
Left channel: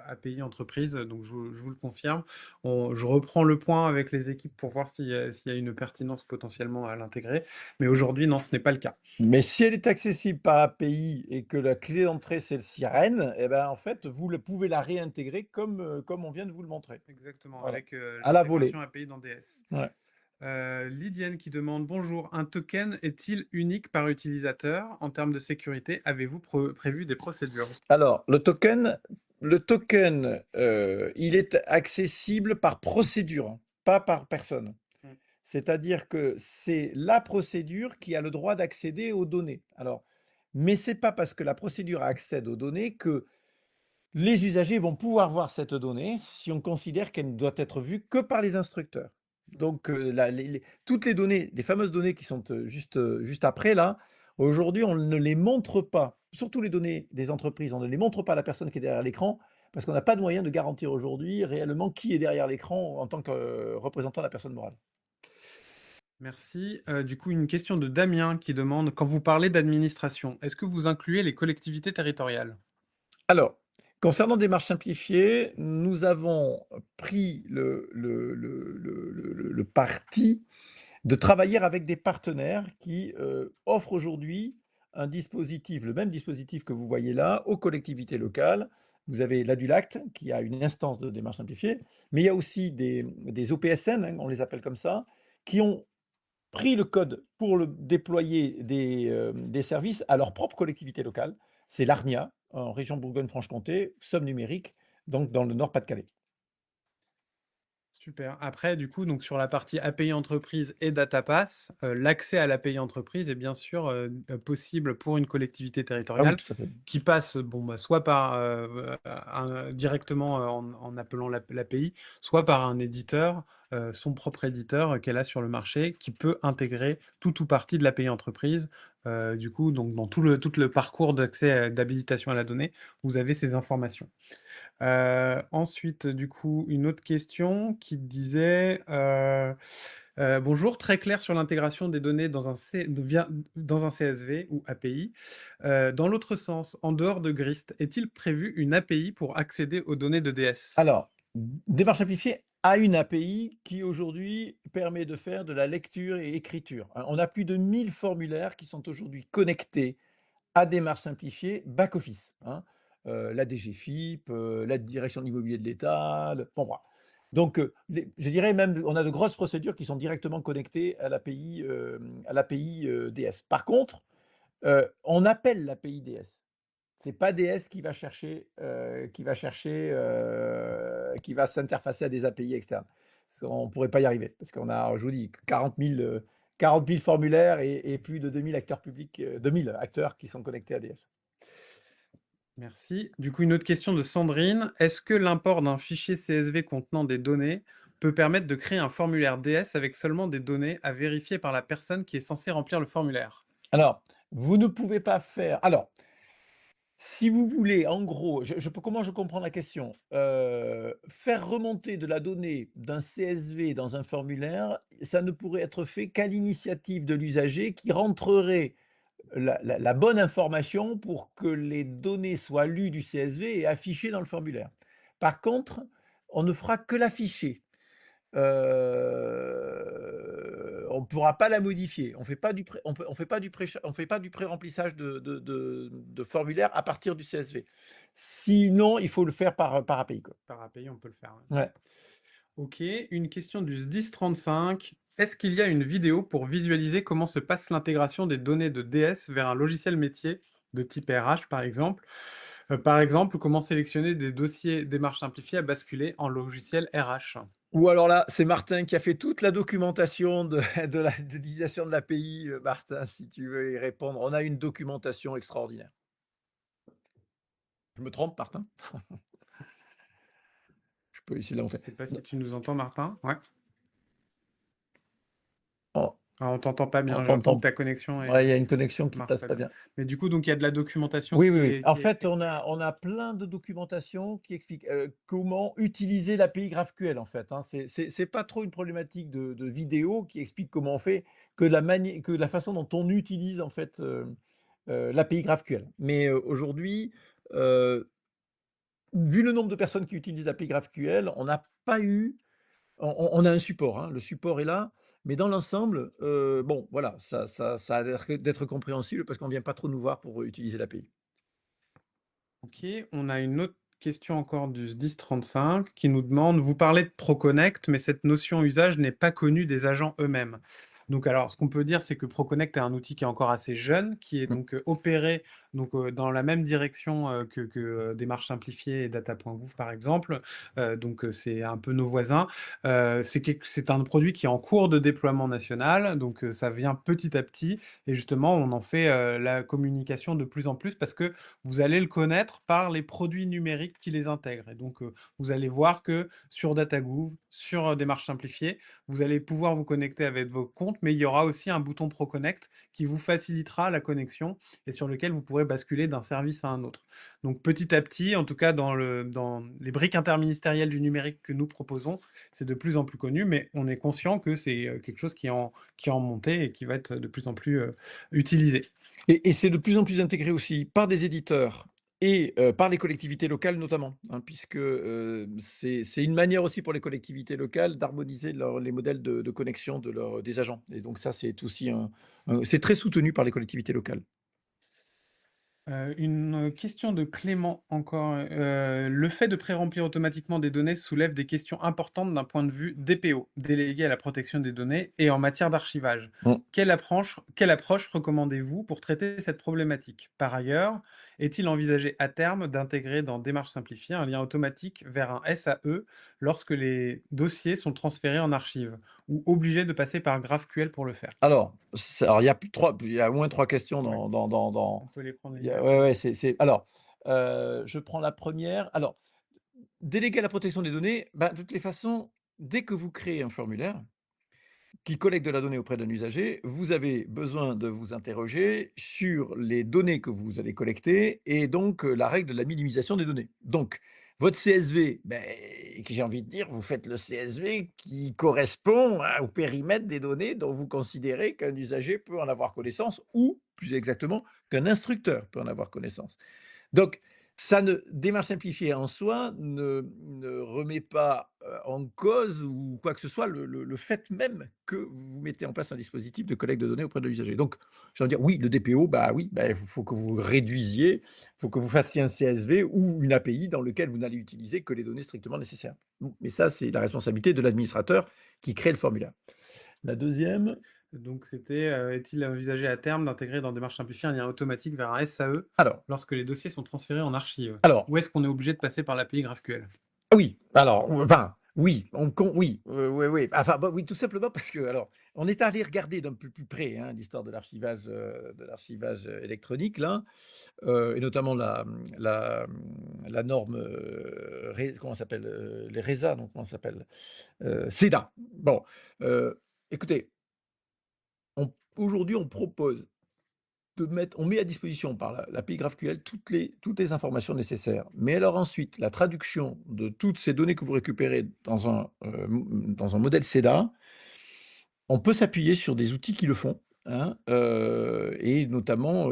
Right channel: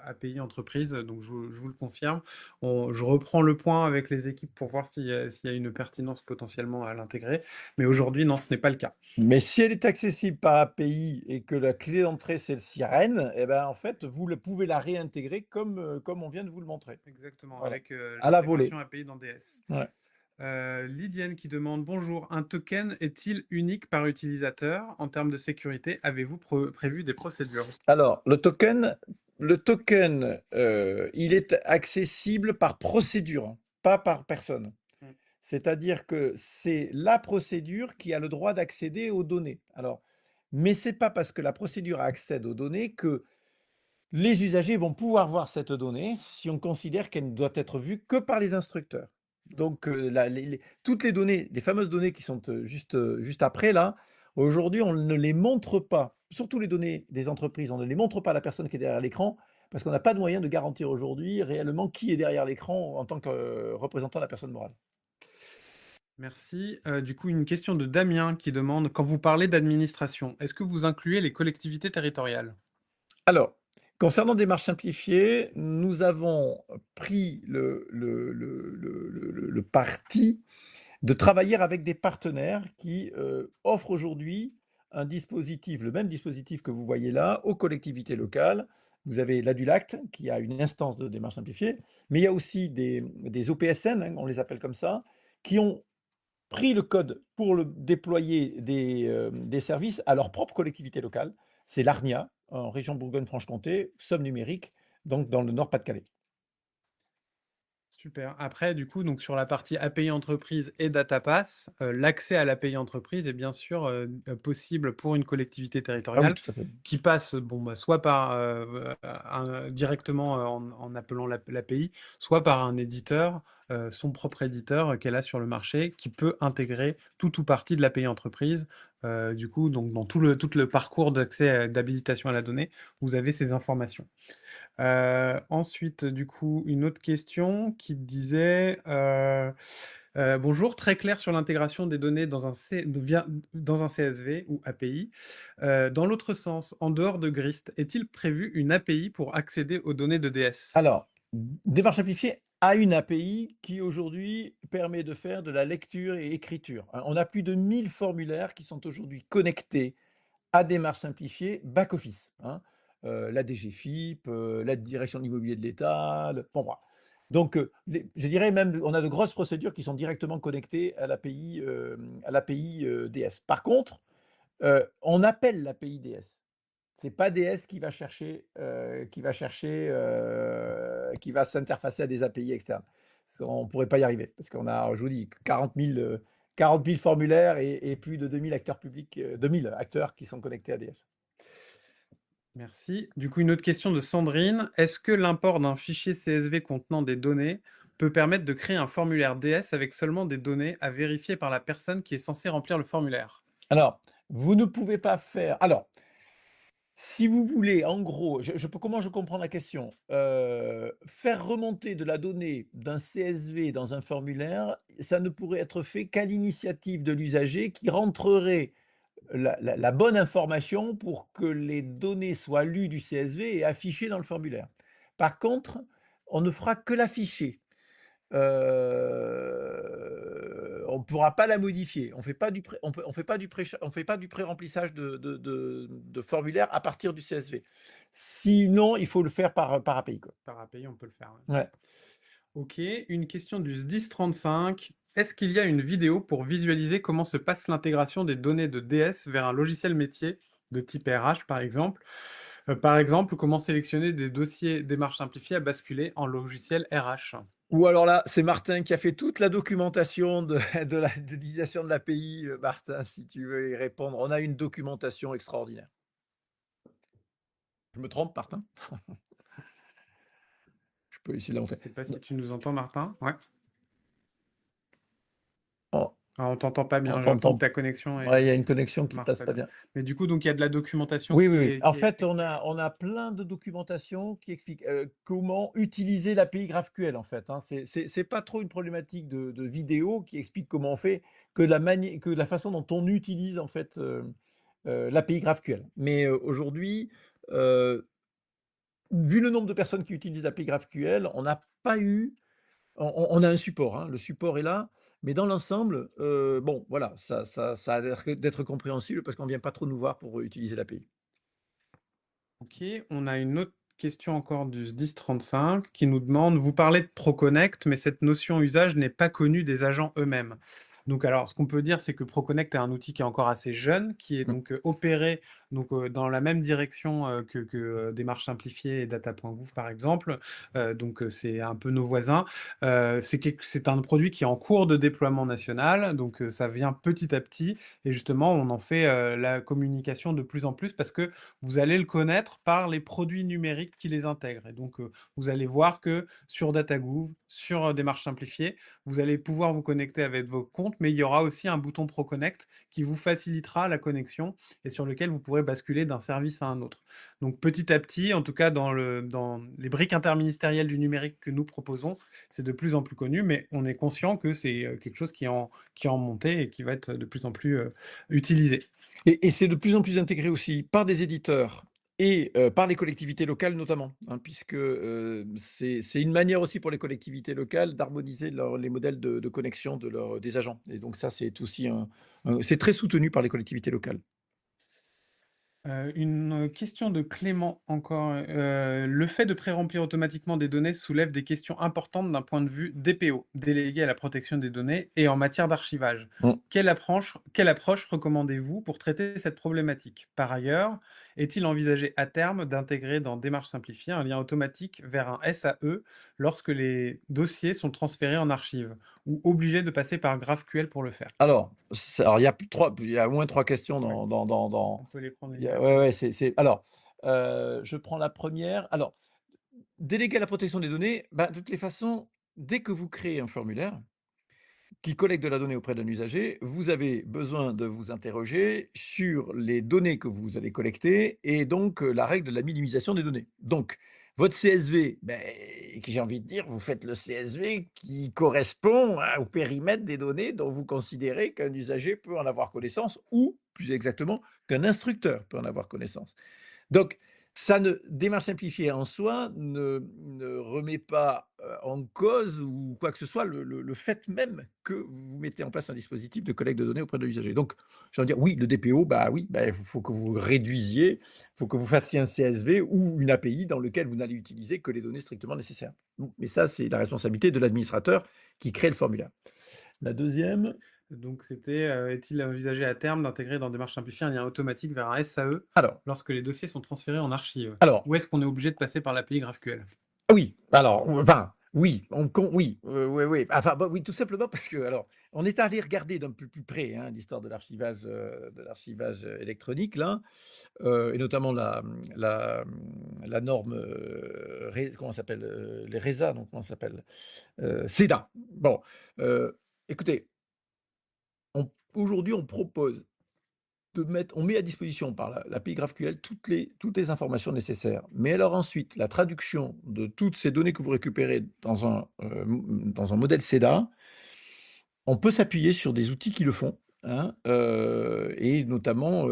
API entreprise, donc je vous le confirme. Je reprends le point avec les équipes pour voir s'il y a une pertinence potentiellement à l'intégrer. Mais aujourd'hui, non, ce n'est pas le cas. Mais si elle est accessible par API et que la clé d'entrée, c'est le SIREN, et ben, en fait, pouvez la réintégrer comme on vient de vous le montrer. Exactement, Voilà. avec À la volée. l'intégration API dans DS. Ouais. Lydienne qui demande: «Bonjour, un token est-il unique par utilisateur? En termes de sécurité, avez-vous prévu des procédures?» Alors, il est accessible par procédure, pas par personne. Mmh. C'est-à-dire que c'est la procédure qui a le droit d'accéder aux données. Alors, mais c'est pas parce que la procédure accède aux données que les usagers vont pouvoir voir cette donnée si on considère qu'elle ne doit être vue que par les instructeurs. Donc, toutes les données, les fameuses données qui sont juste après là, aujourd'hui, on ne les montre pas. Surtout les données des entreprises, on ne les montre pas à la personne qui est derrière l'écran parce qu'on n'a pas de moyen de garantir aujourd'hui réellement qui est derrière l'écran en tant que représentant de la personne morale. Merci. Du coup, une question de Damien qui demande: «Quand vous parlez d'administration, est-ce que vous incluez les collectivités territoriales?» Alors, concernant démarche simplifiée, nous avons pris le parti de travailler avec des partenaires qui, offrent aujourd'hui un dispositif, le même dispositif que vous voyez là, aux collectivités locales. Vous avez l'ADULACT qui a une instance de démarche simplifiée, mais il y a aussi des OPSN, hein, on les appelle comme ça, qui ont pris le code pour le déployer des services à leur propre collectivité locale. C'est l'ARNIA, en région Bourgogne-Franche-Comté, Somme numérique, donc dans le Nord-Pas-de-Calais. Super. Après, du coup, donc sur la partie API entreprise et DataPass, l'accès à l'API entreprise est bien sûr, possible pour une collectivité Ah oui, territoriale tout à fait. qui passe, bon, bah, soit par, directement, en appelant l'API, soit par un éditeur, son propre éditeur, qu'elle a sur le marché, qui peut intégrer tout ou partie de l'API entreprise. Du coup, donc dans tout le parcours d'accès d'habilitation à la donnée, vous avez ces informations. Ensuite, du coup, une autre question qui disait, «Bonjour, très clair sur l'intégration des données dans un dans un CSV ou API. Dans l'autre sens, en dehors de Grist, est-il prévu une API pour accéder aux données de DS?» Alors, Démarche Simplifiée a une API qui aujourd'hui permet de faire de la lecture et écriture, hein. On a plus de 1000 formulaires qui sont aujourd'hui connectés à Démarche Simplifiée back-office, hein. La DGFiP, la direction de l'immobilier de l'État, bon, voilà. Donc, je dirais même, on a de grosses procédures qui sont directement connectées à l'API DS. Par contre, on appelle l'API DS. C'est pas DS qui va s'interfacer à des API externes. On pourrait pas y arriver parce qu'on a, je vous dis, 40 000 formulaires et plus de 2000 acteurs publics, 2000 acteurs qui sont connectés à DS. Merci. Du coup, une autre question de Sandrine. Est-ce que l'import d'un fichier CSV contenant des données peut permettre de créer un formulaire DS avec seulement des données à vérifier par la personne qui est censée remplir le formulaire? Alors, vous ne pouvez pas faire. Alors, si vous voulez, en gros, comment je comprends la question? Faire remonter de la donnée d'un CSV dans un formulaire, ça ne pourrait être fait qu'à l'initiative de l'usager qui rentrerait la bonne information pour que les données soient lues du CSV et affichées dans le formulaire. Par contre, on ne fera que l'afficher. On ne pourra pas la modifier. On fait pas du pré on fait pas du pré on fait pas du pré-remplissage de formulaire à partir du CSV. Sinon, il faut le faire par API, quoi. Par API, on peut le faire, ouais. Ouais. Ok, une question du SDIS35. Est-ce qu'il y a une vidéo pour visualiser comment se passe l'intégration des données de DS vers un logiciel métier de type RH, par exemple? Par exemple, comment sélectionner des dossiers démarches simplifiées à basculer en logiciel RH? Ou alors là, c'est Martin qui a fait toute la documentation de l'utilisation de l'API, Martin, si tu veux y répondre. On a une documentation extraordinaire. Je me trompe, Martin? Je peux essayer Je d'en ne faire. sais pas si tu nous entends, Martin. Ouais. On Ah, on t'entend pas on bien. J'ai l'impression que t'entend. ta connexion Ouais, il y a est une connexion qui passe pas marche. bien. Mais du coup, donc il y a de la documentation Oui, oui, oui. En qui est. fait, on a plein de documentation qui explique, comment utiliser l'API GraphQL, en fait, hein. C'est pas trop une problématique de vidéo qui explique comment on fait, que la façon dont on utilise, en fait, l'API GraphQL. Mais, aujourd'hui, heu, vu le nombre de personnes qui utilisent l'API GraphQL, on n'a pas eu on a un support, hein, le support est là, mais dans l'ensemble, bon, voilà, ça a l'air d'être compréhensible parce qu'on vient pas trop nous voir pour utiliser l'API. Ok, on a une autre question encore du SDIS35 qui nous demande, vous parlez de ProConnect, mais cette notion usage n'est pas connue des agents eux-mêmes. Donc alors, ce qu'on peut dire, c'est que ProConnect est un outil qui est encore assez jeune, qui est Mmh. donc opéré donc, dans la même direction que Démarche Simplifiée et Data.gouv par exemple. Donc c'est un peu nos voisins. C'est un produit qui est en cours de déploiement national, donc ça vient petit à petit, et justement on en fait la communication de plus en plus parce que vous allez le connaître par les produits numériques qui les intègrent. Et donc, vous allez voir que sur DataGouv, sur Démarche Simplifiée, vous allez pouvoir vous connecter avec vos comptes, mais il y aura aussi un bouton ProConnect qui vous facilitera la connexion et sur lequel vous pourrez basculer d'un service à un autre. Donc, petit à petit, en tout cas dans les briques interministérielles du numérique que nous proposons, c'est de plus en plus connu, mais on est conscient que c'est quelque chose qui est en montée et qui va être de plus en plus utilisé. Et c'est de plus en plus intégré aussi par des éditeurs et par les collectivités locales notamment, hein, puisque, c'est une manière aussi pour les collectivités locales d'harmoniser les modèles de connexion des agents et donc ça, c'est aussi c'est très soutenu par les collectivités locales. Une question de Clément encore. Le fait de pré-remplir automatiquement des données soulève des questions importantes d'un point de vue DPO, délégué à la protection des données, et en matière d'archivage. Mmh. Quelle approche recommandez-vous pour traiter cette problématique? Par ailleurs, est-il envisagé à terme d'intégrer dans Démarche simplifiée un lien automatique vers un SAE lorsque les dossiers sont transférés en archive, ou obligé de passer par GraphQL pour le faire? Alors il y a au moins 3 questions Ouais, on dans peut les prendre les il y deux. a ouais, ouais, c'est alors, je prends la première. Alors, déléguer à la protection des données, bah, de toutes les façons, dès que vous créez un formulaire qui collecte de la donnée auprès d'un usager, vous avez besoin de vous interroger sur les données que vous allez collecter et donc la règle de la minimisation des données. Donc, Votre CSV, beh, que j'ai envie de dire, vous faites le CSV qui correspond au périmètre des données dont vous considérez qu'un usager peut en avoir connaissance ou, plus exactement, qu'un instructeur peut en avoir connaissance. Donc, ça ne démarche simplifiée en soi ne remet pas, en cause ou quoi que ce soit le fait même que vous mettez en place un dispositif de collecte de données auprès de l'usager. Donc, j'ai envie de dire, oui, le DPO, bah, oui, bah, il faut que vous réduisiez, il faut que vous fassiez un CSV ou une API dans lequel vous n'allez utiliser que les données strictement nécessaires. Mais ça, c'est la responsabilité de l'administrateur qui crée le formulaire. La deuxième. Donc c'était, est-il envisagé à terme d'intégrer dans Démarche simplifiée un lien automatique vers un SAE Alors lorsque les dossiers sont transférés en archive? alors Ou est-ce qu'on est obligé de passer par l'API GraphQL? Oui, alors, enfin, oui, oui, oui, oui, enfin, bah, oui, tout simplement parce que, alors, on est allé regarder d'un peu plus près, hein, l'histoire de l'archivage, électronique là, et notamment la norme, comment ça s'appelle? Les RESA, non, comment ça s'appelle? CEDA. Bon, écoutez, aujourd'hui, on propose on met à disposition par l'API GraphQL toutes les informations nécessaires. Mais alors ensuite, la traduction de toutes ces données que vous récupérez dans un modèle CEDA, on peut s'appuyer sur des outils qui le font, hein, et notamment,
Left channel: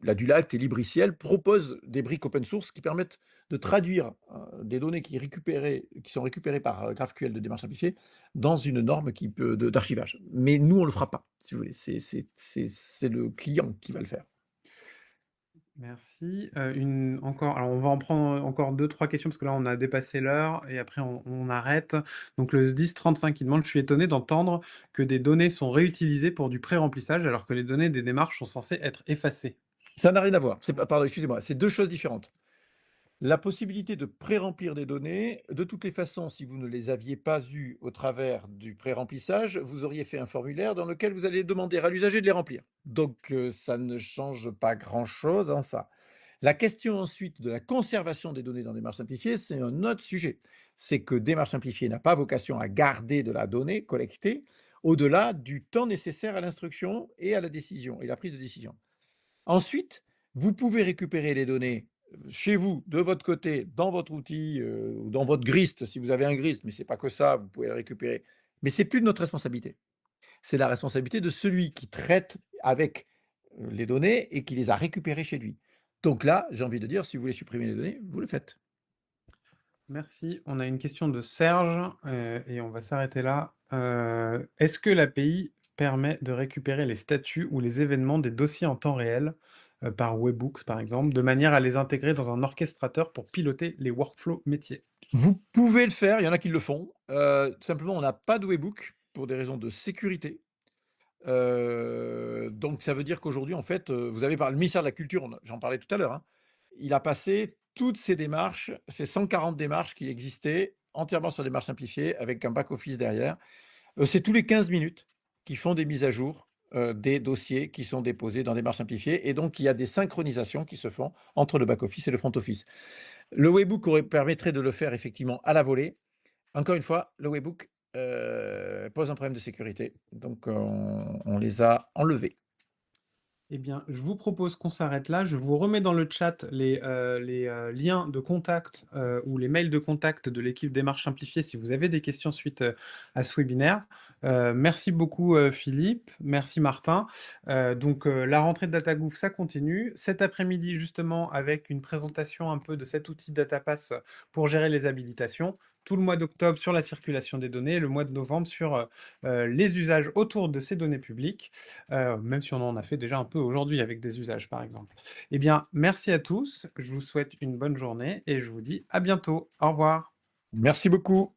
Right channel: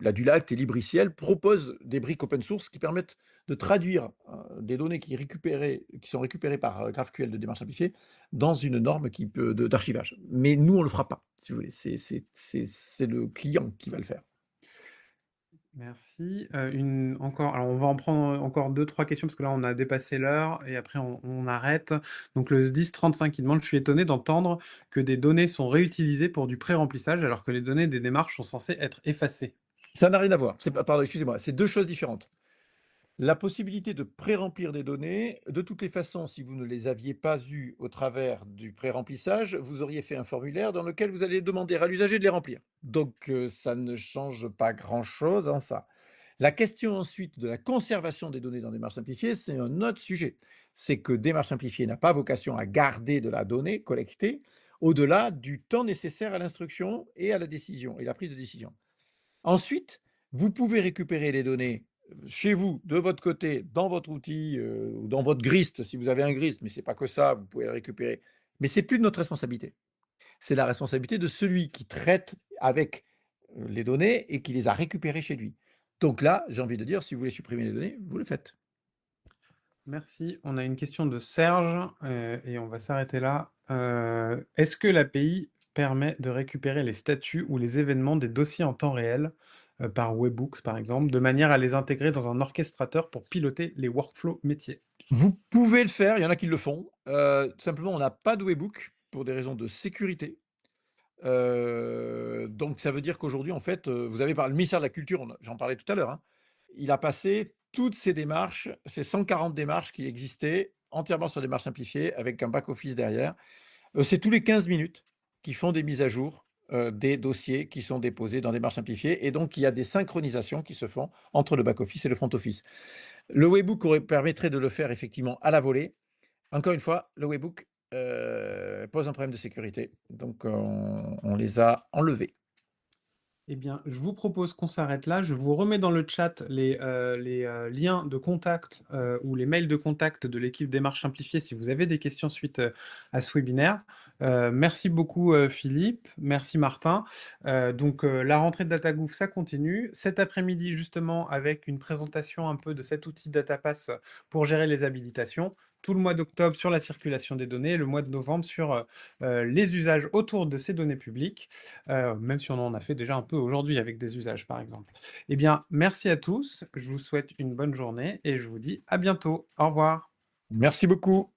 la Dulact et Libriciel proposent des briques open source qui permettent de traduire, des données qui sont récupérées par, GraphQL de démarche simplifiée dans une norme qui peut d'archivage. Mais nous, on le fera pas, si vous voulez. C'est le client qui va le faire. Merci. Une encore alors on va en prendre, encore deux trois questions parce que là on a dépassé l'heure et après on arrête. Donc le SDIS 35 il demande: «Je suis étonné d'entendre que des données sont réutilisées pour du pré-remplissage alors que les données des démarches sont censées être effacées». Ça n'a rien à voir. C'est pas Pardon, excusez-moi, c'est 2 choses différentes. La possibilité de pré-remplir des données, de toutes les façons, si vous ne les aviez pas eues au travers du pré-remplissage, vous auriez fait un formulaire dans lequel vous allez demander à l'usager de les remplir. Donc, ça ne change pas grand-chose en ça. La question ensuite de la conservation des données dans Démarche simplifiée, c'est un autre sujet. C'est que Démarche simplifiée n'a pas vocation à garder de la donnée collectée au-delà du temps nécessaire à l'instruction et à la décision et la prise de décision. Ensuite, vous pouvez récupérer les données chez vous, de votre côté, dans votre outil, dans votre grist, si vous avez un grist, mais c'est pas que ça, vous pouvez le récupérer. Mais c'est plus de notre responsabilité. C'est la responsabilité de celui qui traite avec, les données et qui les a récupérées chez lui. Donc là, j'ai envie de dire, si vous voulez supprimer les données, vous le faites. Merci. On a une question de Serge, et on va s'arrêter là. Est-ce que l'API permet de récupérer les statuts ou les événements des dossiers en temps réel, par Webhooks par exemple, de manière à les intégrer dans un orchestrateur pour piloter les workflows métiers? Vous pouvez le faire, il y en a qui le font. Tout simplement, on n'a pas de webhook pour des raisons de sécurité. Donc ça veut dire qu'aujourd'hui, en fait, vous avez par le ministère de la Culture, j'en parlais tout à l'heure, hein, il a passé toutes ces démarches, ces 140 démarches qui existaient, entièrement sur démarche simplifiée, avec un back-office derrière. C'est tous les 15 minutes qu'ils font des mises à jour, des dossiers qui sont déposés dans démarche simplifiée, et donc il y a des synchronisations qui se font entre le back-office et le front-office. Le webhook permettrait de le faire effectivement à la volée. Encore une fois, le webhook, pose un problème de sécurité, donc on les a enlevés. Eh bien, je vous propose qu'on s'arrête là. Je vous remets dans le chat les liens de contact, ou les mails de contact de l'équipe Démarche Simplifiée si vous avez des questions suite, à ce webinaire. Merci beaucoup, Philippe. Merci Martin. La rentrée de DataGouv, ça continue. Cet après-midi, justement, avec une présentation un peu de cet outil DataPass pour gérer les habilitations. Tout le mois d'octobre sur la circulation des données, le mois de novembre sur, les usages autour de ces données publiques. Même si on en a fait déjà un peu aujourd'hui avec des usages, par exemple. Eh bien, merci à tous, je vous souhaite une bonne journée et je vous dis à bientôt. Au revoir. Merci beaucoup.